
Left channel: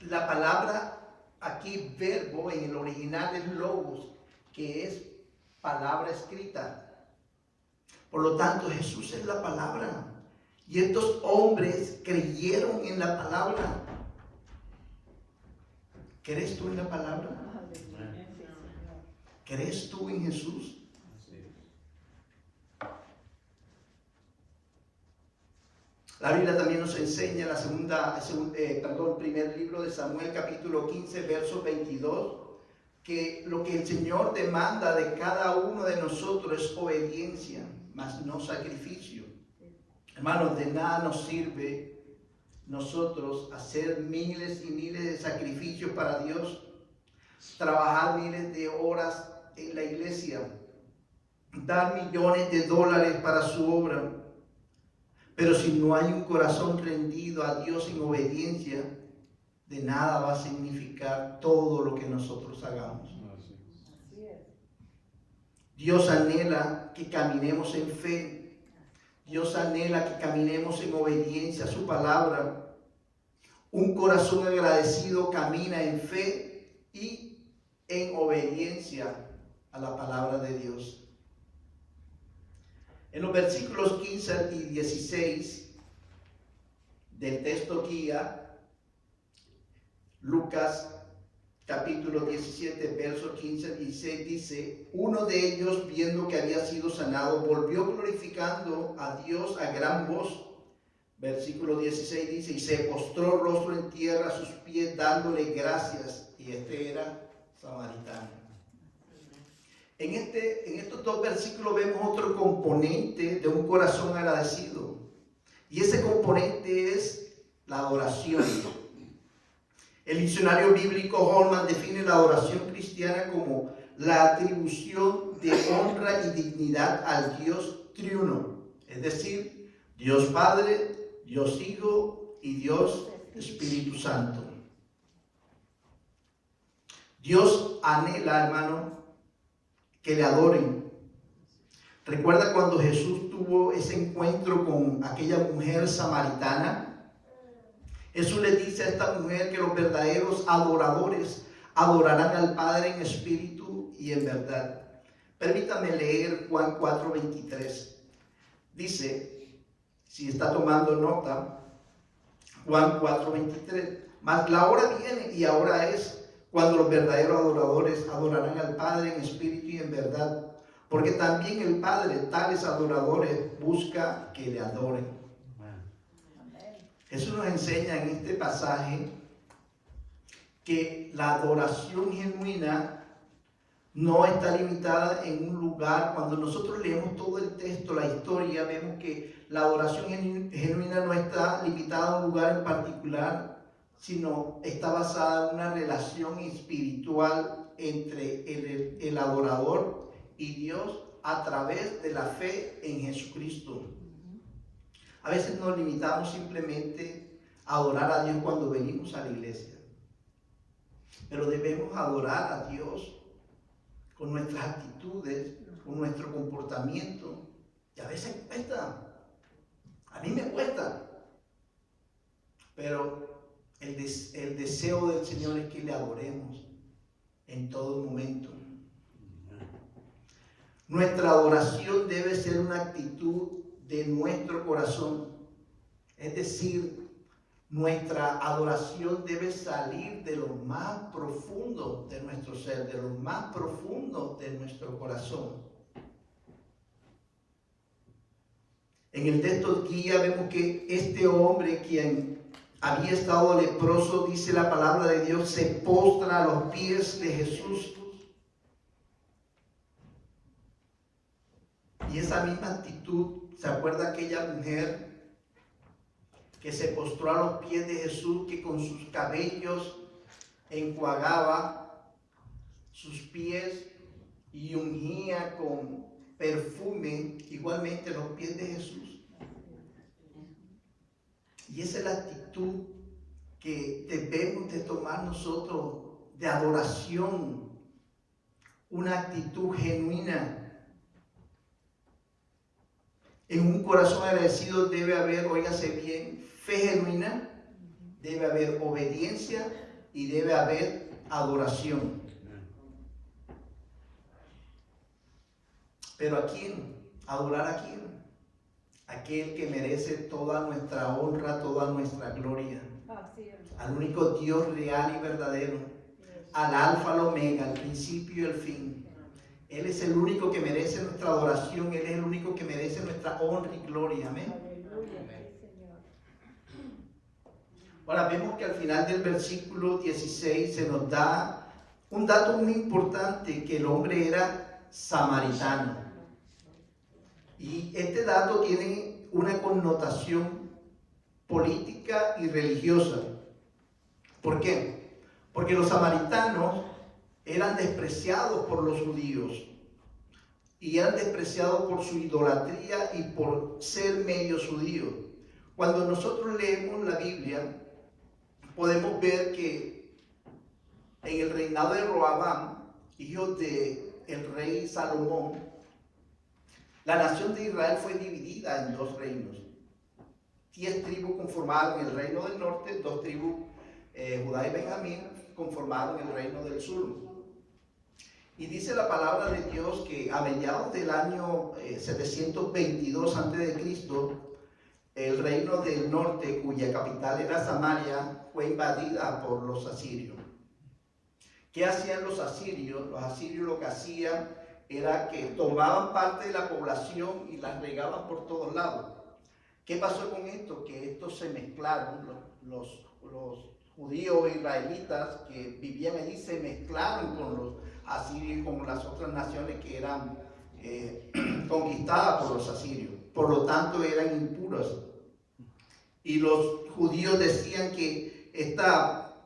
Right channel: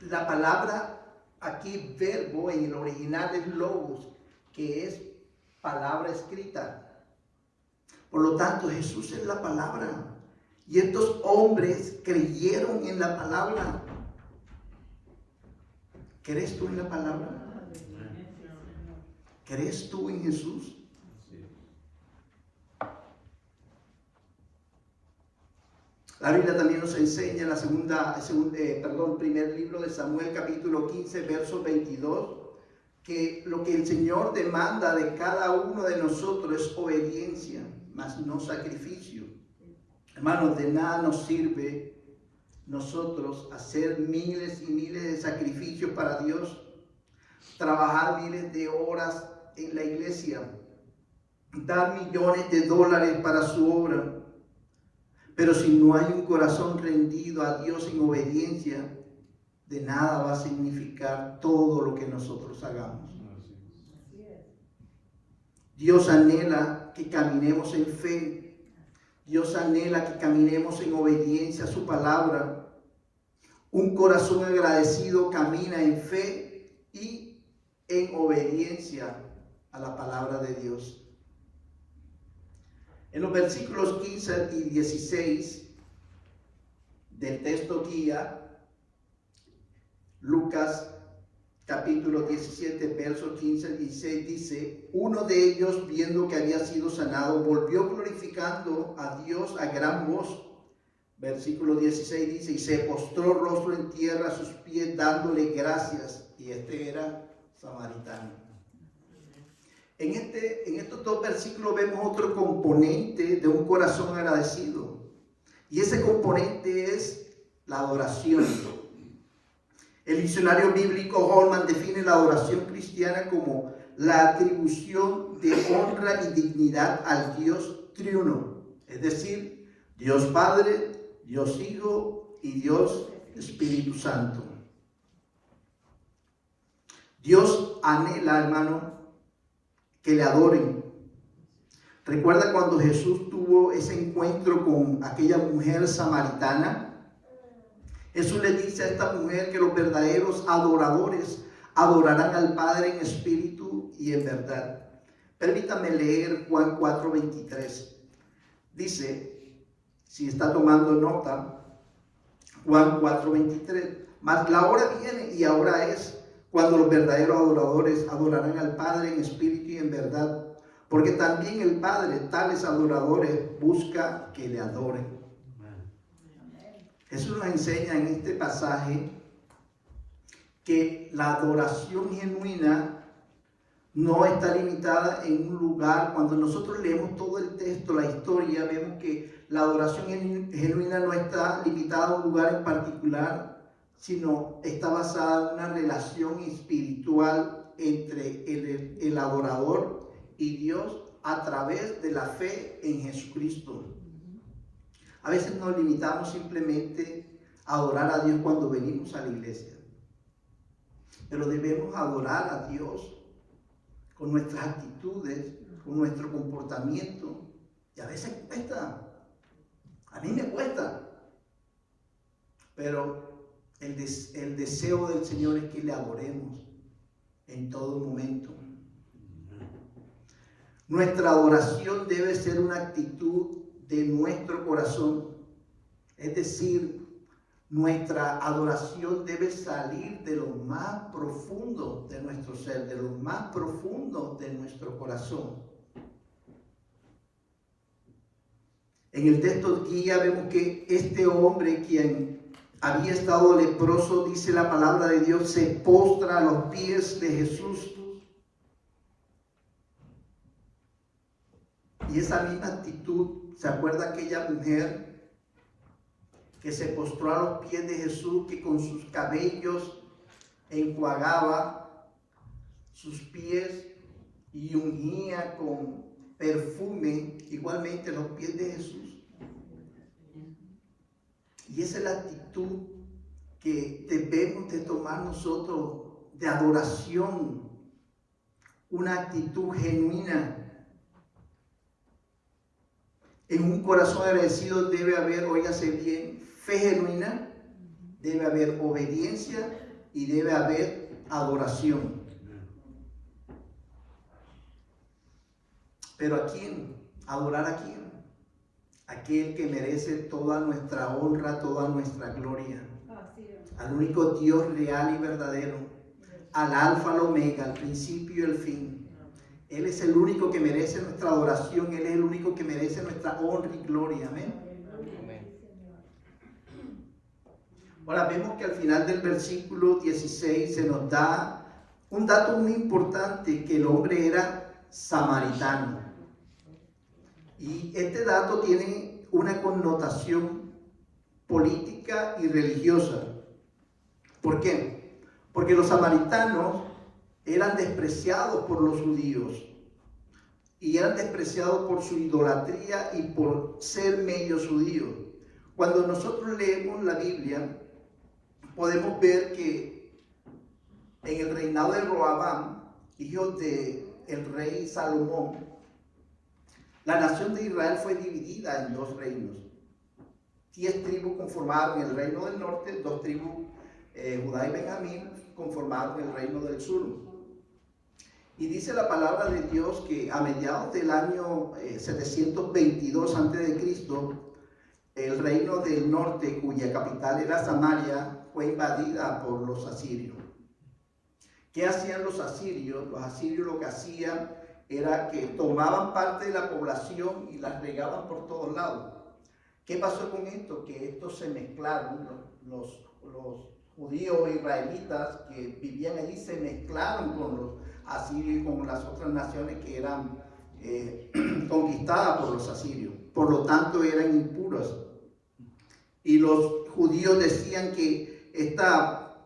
La palabra aquí, verbo, en el original es logos, que es palabra escrita. Por lo tanto, Jesús es la palabra. Y estos hombres creyeron en la palabra. ¿Crees tú en la palabra? ¿Crees tú en Jesús? La Biblia también nos enseña en el primer libro de Samuel, capítulo 15, verso 22, que lo que el Señor demanda de cada uno de nosotros es obediencia, mas no sacrificio. Hermanos, de nada nos sirve nosotros hacer miles y miles de sacrificios para Dios, trabajar miles de horas en la iglesia, dar millones de dólares para su obra. Pero si no hay un corazón rendido a Dios en obediencia, de nada va a significar todo lo que nosotros hagamos. Dios anhela que caminemos en fe. Dios anhela que caminemos en obediencia a su palabra. Un corazón agradecido camina en fe y en obediencia a la palabra de Dios. En los versículos 15 y 16 del texto guía, Lucas capítulo 17, versos 15 y 16 dice: uno de ellos, viendo que había sido sanado, volvió glorificando a Dios a gran voz. Versículo 16 dice: y se postró rostro en tierra a sus pies, dándole gracias. Y este era samaritano. En estos dos versículos vemos otro componente de un corazón agradecido. Y ese componente es la adoración. El diccionario bíblico Holman define la adoración cristiana como la atribución de honra y dignidad al Dios triuno. Es decir, Dios Padre, Dios Hijo y Dios Espíritu Santo. Dios anhela, hermano, que le adoren. ¿Recuerda cuando Jesús tuvo ese encuentro con aquella mujer samaritana? Jesús le dice a esta mujer que los verdaderos adoradores adorarán al Padre en espíritu y en verdad. Permítame leer Juan 4:23. Dice, si está tomando nota, Juan 4:23. Mas la hora viene y ahora es cuando los verdaderos adoradores adorarán al Padre en espíritu y en verdad, porque también el Padre tales adoradores busca que le adoren. Jesús nos enseña en este pasaje que la adoración genuina no está limitada en un lugar. Cuando nosotros leemos todo el texto, la historia, vemos que la adoración genuina no está limitada a un lugar en particular, sino está basada en una relación espiritual entre el adorador y Dios a través de la fe en Jesucristo. A veces nos limitamos simplemente a adorar a Dios cuando venimos a la iglesia, pero debemos adorar a Dios con nuestras actitudes, con nuestro comportamiento. Y a veces cuesta, a mí me cuesta, pero el deseo del Señor es que le adoremos en todo momento. Nuestra adoración debe ser una actitud de nuestro corazón, es decir, nuestra adoración debe salir de lo más profundo de nuestro ser, de lo más profundo de nuestro corazón. En el texto guía vemos que este hombre, quien había estado leproso, dice la palabra de Dios, se postra a los pies de Jesús. Y esa misma actitud, ¿se acuerda aquella mujer que se postró a los pies de Jesús, que con sus cabellos enjuagaba sus pies y ungía con perfume igualmente los pies de Jesús? Y esa es la actitud que debemos de tomar nosotros de adoración, una actitud genuina. En un corazón agradecido debe haber, óigase bien, fe genuina, debe haber obediencia y debe haber adoración. ¿Pero a quién? ¿Adorar a quién? Aquel que merece toda nuestra honra, toda nuestra gloria. Al único Dios real y verdadero, al alfa, al omega, al principio y el fin. Él es el único que merece nuestra adoración, Él es el único que merece nuestra honra y gloria. Amén. Ahora vemos que al final del versículo 16 se nos da un dato muy importante, que el hombre era samaritano. Y este dato tiene una connotación política y religiosa. ¿Por qué? Porque los samaritanos eran despreciados por los judíos y eran despreciados por su idolatría y por ser medios judíos. Cuando nosotros leemos la Biblia, podemos ver que en el reinado de Roabam, hijo del rey Salomón, la nación de Israel fue dividida en dos reinos. 10 tribus conformaron el reino del norte, 2 tribus, Judá y Benjamín, conformaron el reino del sur. Y dice la palabra de Dios que a mediados del año 722 a.C., el reino del norte, cuya capital era Samaria, fue invadida por los asirios. ¿Qué hacían los asirios? Los asirios lo que hacían era que tomaban parte de la población y las regaban por todos lados. ¿Qué pasó con esto? Que estos se mezclaron, los judíos israelitas que vivían allí se mezclaron con los asirios y con las otras naciones que eran conquistadas por los asirios. Por lo tanto, eran impuras. Y los judíos decían que esta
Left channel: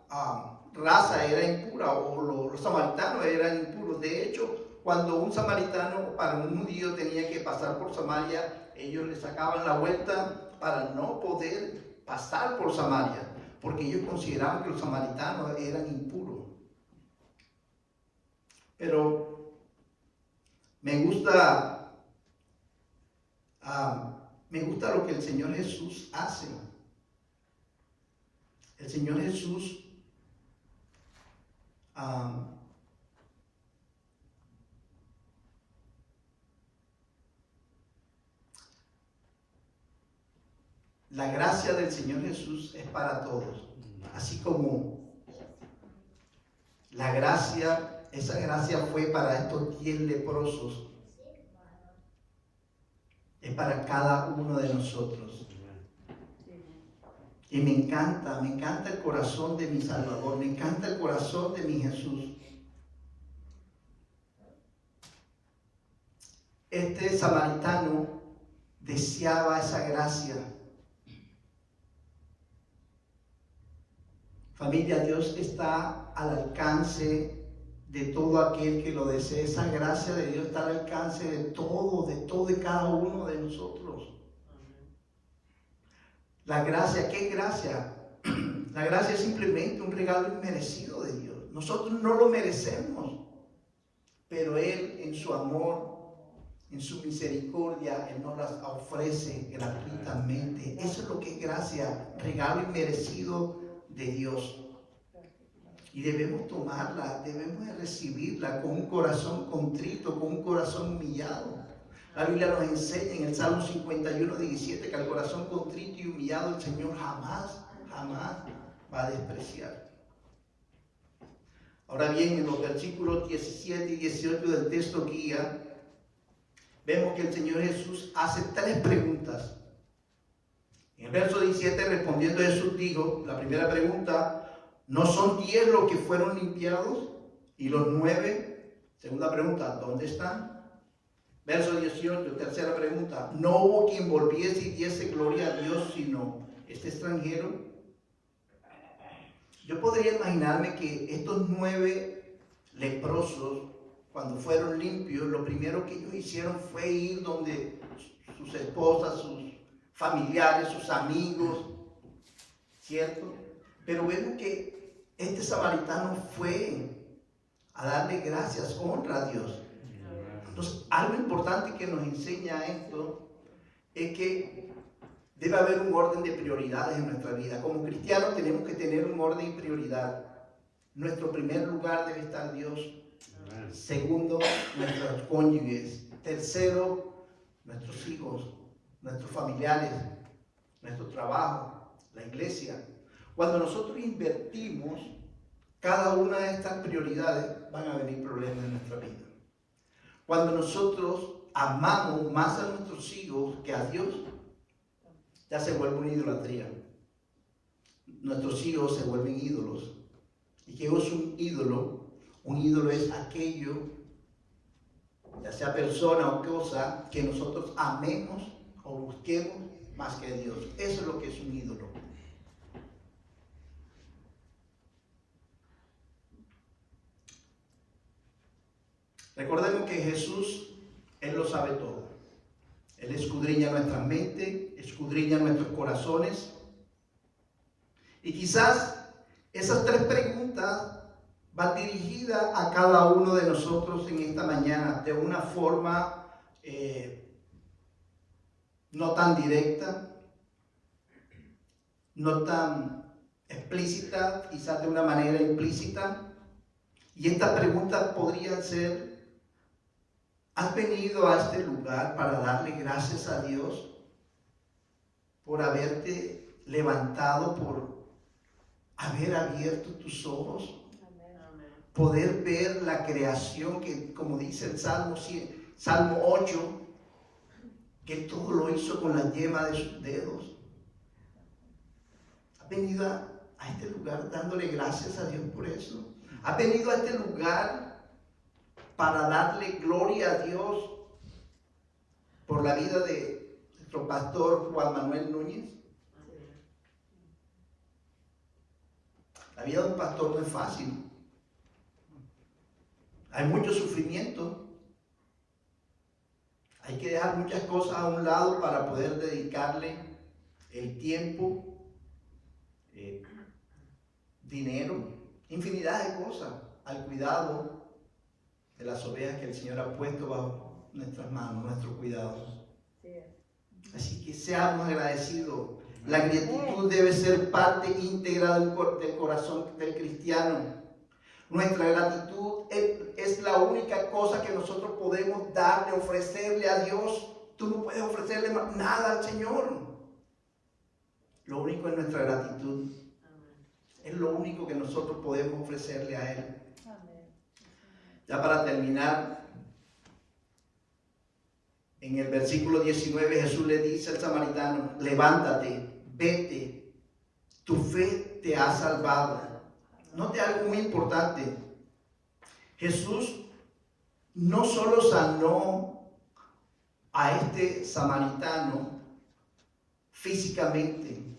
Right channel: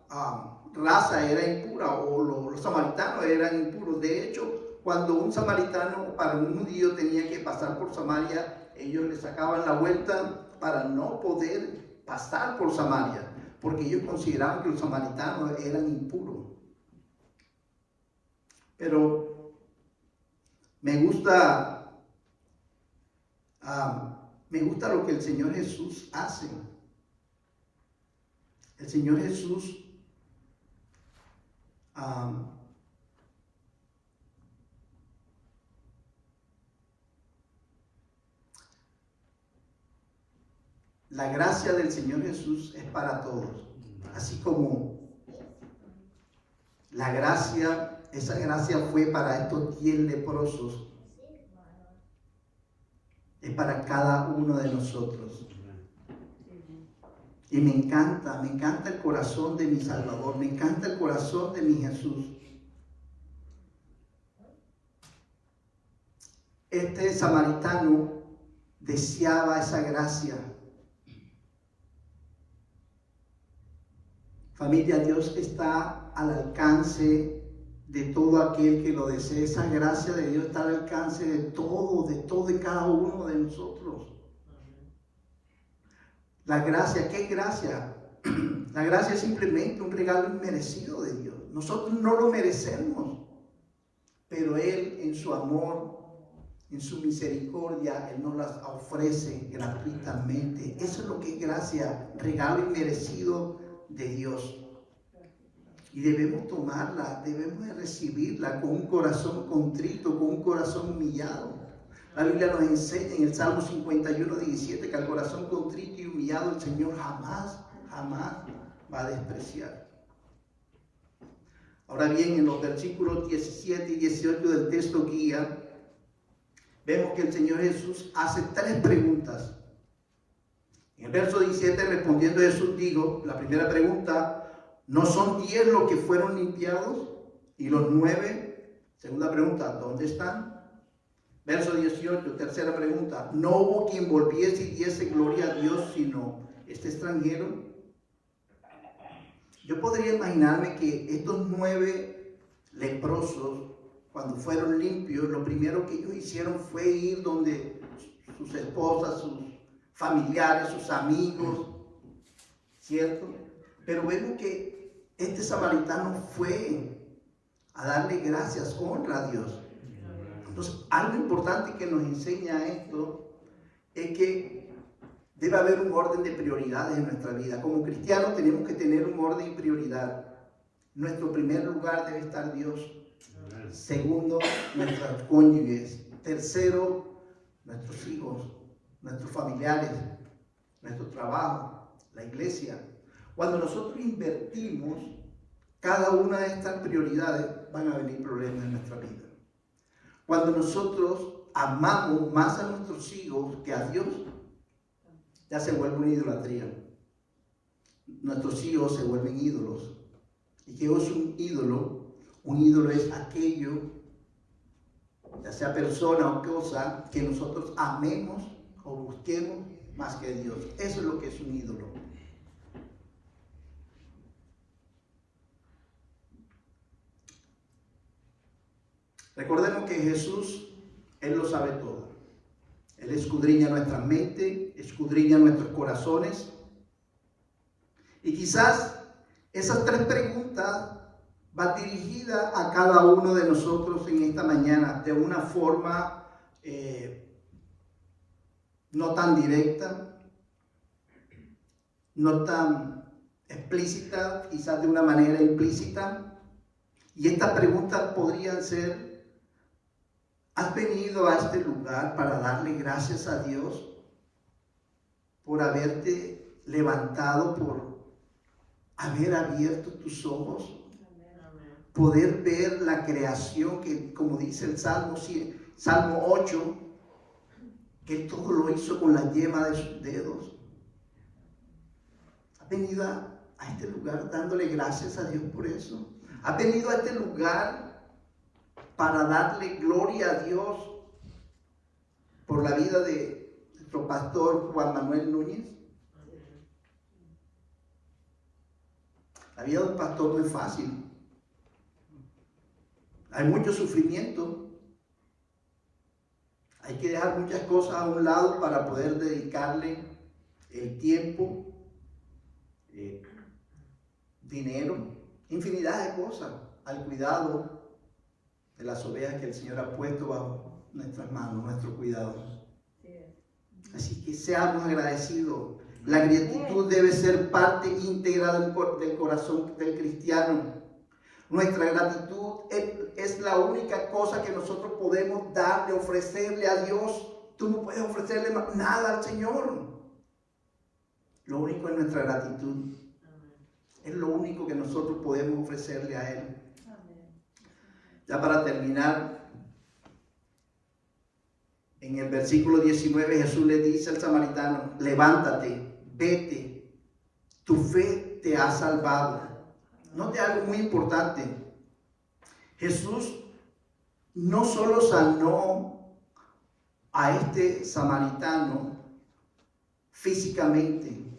raza era impura, o los samaritanos eran impuros. De hecho, cuando un samaritano para un judío tenía que pasar por Samaria, ellos le sacaban la vuelta para no poder pasar por Samaria, porque ellos consideraban que los samaritanos eran impuros. Pero me gusta lo que el Señor Jesús hace. El Señor Jesús la gracia del Señor Jesús es para todos, así como la gracia, esa gracia fue para estos 10 leprosos, es para cada uno de nosotros. Y me encanta el corazón de mi Salvador, me encanta el corazón de mi Jesús. este samaritano deseaba esa gracia. Familia, Dios está al alcance de todo aquel que lo desee. Esa gracia de Dios está al alcance de todo y cada uno de nosotros. La gracia, ¿qué gracia? La gracia es simplemente un regalo inmerecido de Dios. Nosotros no lo merecemos, pero Él en su amor, en su misericordia, Él nos las ofrece gratuitamente. Eso es lo que es gracia, regalo inmerecido de Dios. Y debemos tomarla, debemos de recibirla con un corazón contrito, con un corazón humillado. La Biblia nos enseña en el Salmo 51:17 que al corazón contrito y humillado el Señor jamás va a despreciar. Ahora bien, en los versículos 17 y 18 del texto guía, vemos que el Señor Jesús hace 3 preguntas. En el verso 17, respondiendo Jesús, dijo, la primera pregunta, ¿no son 10 los que fueron limpiados? ¿Y los 9? Segunda pregunta, ¿dónde están? Verso 18, tercera pregunta, ¿no hubo quien volviese y diese gloria a Dios sino este extranjero? Yo podría imaginarme que estos 9 leprosos, cuando fueron limpios, lo primero que ellos hicieron fue ir donde sus esposas, sus familiares, sus amigos, ¿cierto? Pero vemos que este samaritano fue a darle gracias, honra a Dios. Entonces, algo importante que nos enseña esto es que debe haber un orden de prioridades en nuestra vida. Como cristianos tenemos que tener un orden de prioridad. Nuestro primer lugar debe estar Dios. Segundo, nuestros cónyuges. Tercero, nuestros hijos, nuestros familiares, nuestro trabajo, la iglesia. Cuando nosotros invertimos cada una de estas prioridades, van a venir problemas en nuestra vida. Cuando nosotros amamos más a nuestros hijos que a Dios, ya se vuelve una idolatría. Nuestros hijos se vuelven ídolos. ¿Y qué es un ídolo? Un ídolo es aquello, ya sea persona o cosa, que nosotros amemos o busquemos más que Dios. Eso es lo que es un ídolo. Recordemos que Jesús, Él lo sabe todo. Él escudriña nuestra mente, escudriña nuestros corazones. Y quizás esas 3 preguntas van dirigidas a cada uno de nosotros en esta mañana de una forma no tan directa, no tan explícita, quizás de una manera implícita. Y estas preguntas podrían ser: ¿has venido a este lugar para darle gracias a Dios por haberte levantado, por haber abierto tus ojos? Poder ver la creación que, como dice el Salmo 8, que todo lo hizo con la yema de sus dedos. ¿Has venido a este lugar dándole gracias a Dios por eso? ¿Has venido a este lugar para darle gloria a Dios por la vida de nuestro pastor Juan Manuel Núñez? La vida de un pastor no es fácil. Hay mucho sufrimiento. Hay que dejar muchas cosas a un lado para poder dedicarle el tiempo, dinero, infinidad de cosas al cuidado de las ovejas que el Señor ha puesto bajo nuestras manos, nuestro cuidado. Así que seamos agradecidos. La gratitud debe ser parte íntegra del corazón del cristiano. Nuestra gratitud es la única cosa que nosotros podemos darle, ofrecerle a Dios. Tú no puedes ofrecerle nada al Señor. Lo único es nuestra gratitud. Es lo único que nosotros podemos ofrecerle a Él. Ya para terminar, en el versículo 19 Jesús le dice al samaritano: levántate, vete, tu fe te ha salvado. Note algo muy importante. Jesús no solo sanó a este samaritano físicamente,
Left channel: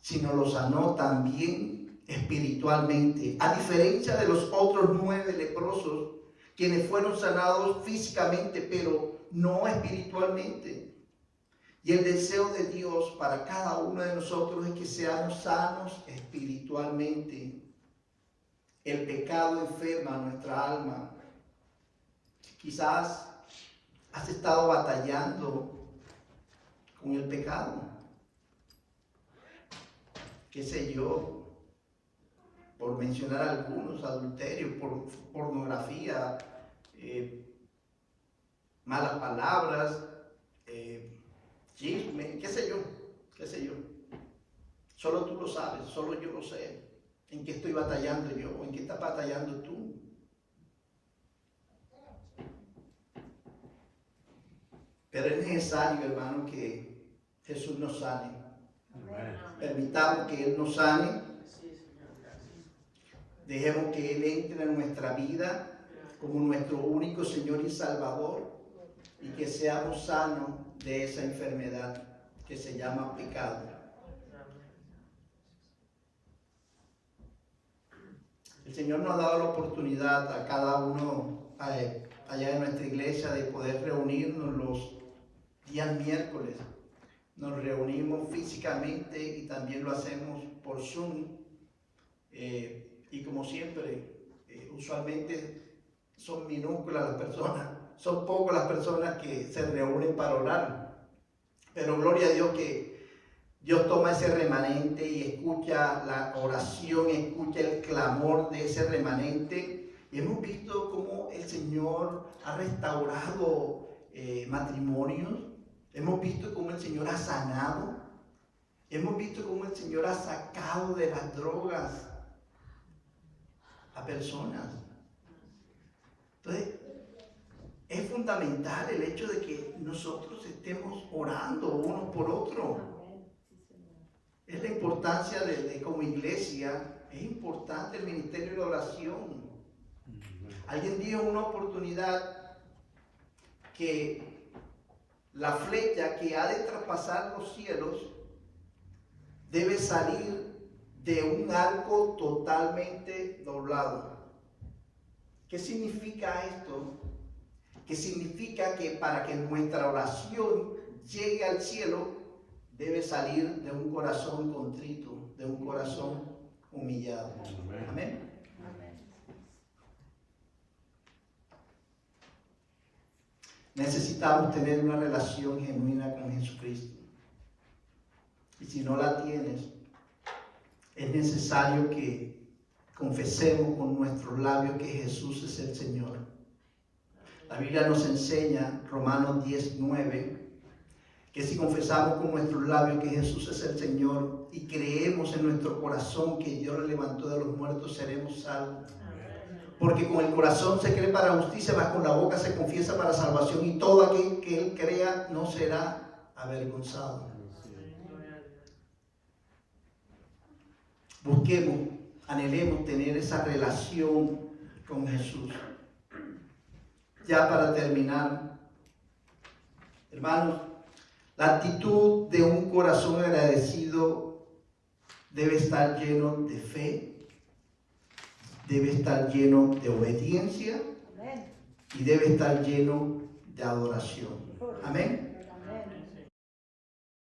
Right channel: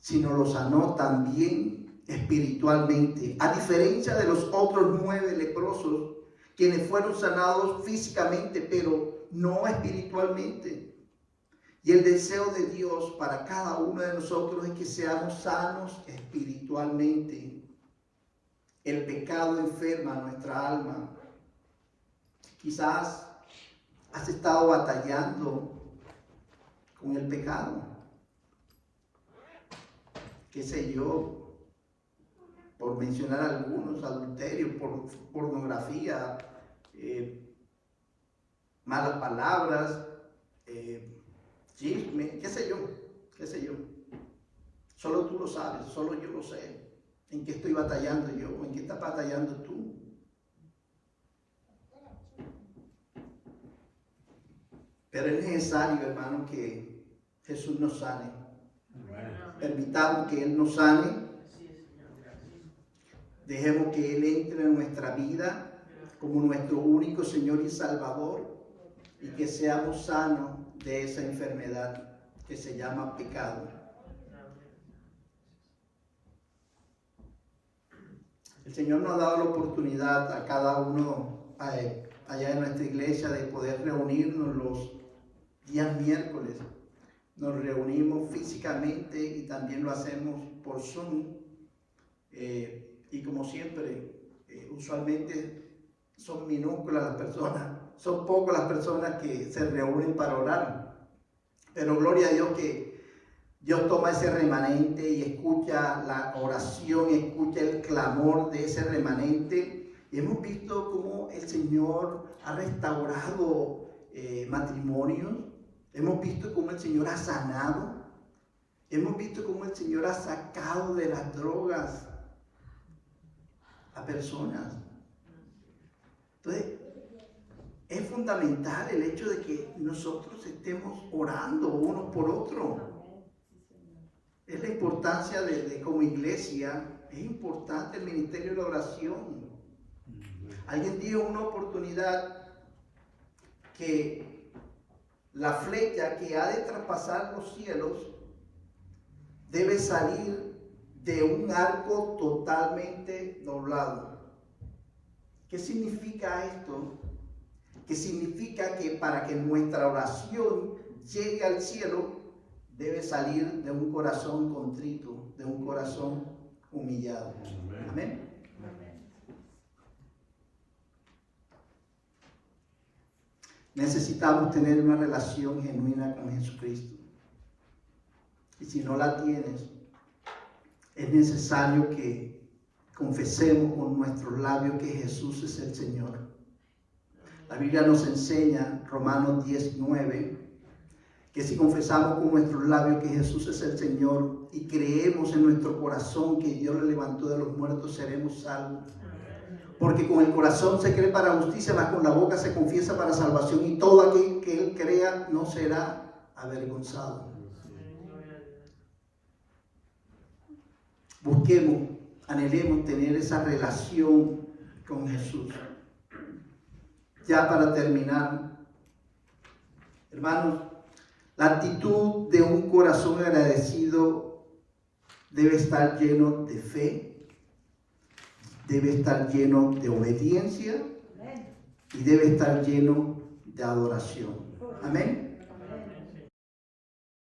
sino lo sanó también espiritualmente, a diferencia de los otros 9 leprosos, quienes fueron sanados físicamente, pero no espiritualmente. Y el deseo de Dios para cada uno de nosotros es que seamos sanos espiritualmente. El pecado enferma nuestra alma. Quizás has estado batallando con el pecado. Qué sé yo, por mencionar algunos, adulterio, pornografía, malas palabras, chisme, qué sé yo. Solo tú lo sabes, solo yo lo sé. ¿En qué estoy batallando yo? ¿En qué estás batallando tú? Pero es necesario, hermano, que Jesús nos sane. Permitamos que Él nos sane. Dejemos que Él entre en nuestra vida como nuestro único Señor y Salvador, y que seamos sanos de esa enfermedad que se llama pecado. El Señor nos ha dado la oportunidad a cada uno allá en nuestra iglesia de poder reunirnos los días miércoles. Nos reunimos físicamente y también lo hacemos por Zoom. Y como siempre, usualmente son minúsculas las personas, son pocas las personas que se reúnen para orar. Pero gloria a Dios que Dios toma ese remanente y escucha la oración, escucha el clamor de ese remanente. Y hemos visto cómo el Señor ha restaurado matrimonios. Hemos visto cómo el Señor ha sanado. Hemos visto cómo el Señor ha sacado de las drogas a personas. Entonces, es fundamental el hecho de que nosotros estemos orando unos por otros. Es la importancia de como iglesia, es importante el ministerio de la oración. Alguien dijo en una oportunidad que la flecha que ha de traspasar los cielos debe salir de un arco totalmente doblado. ¿Qué significa esto? Que significa que para que nuestra oración llegue al cielo, debe salir de un corazón contrito, de un corazón humillado. Amén. Necesitamos tener una relación genuina con Jesucristo. Y si no la tienes, es necesario que confesemos con nuestros labios que Jesús es el Señor. La Biblia nos enseña, Romanos 10:9, que si confesamos con nuestros labios que Jesús es el Señor y creemos en nuestro corazón que Dios le levantó de los muertos, seremos salvos. Porque con el corazón se cree para justicia, mas con la boca se confiesa para salvación, y todo aquel que Él crea no será avergonzado. Busquemos, anhelemos tener esa relación con Jesús. Ya para terminar, hermanos, la actitud de un corazón agradecido debe estar lleno de fe, debe estar lleno de obediencia y debe estar lleno de adoración. Amén.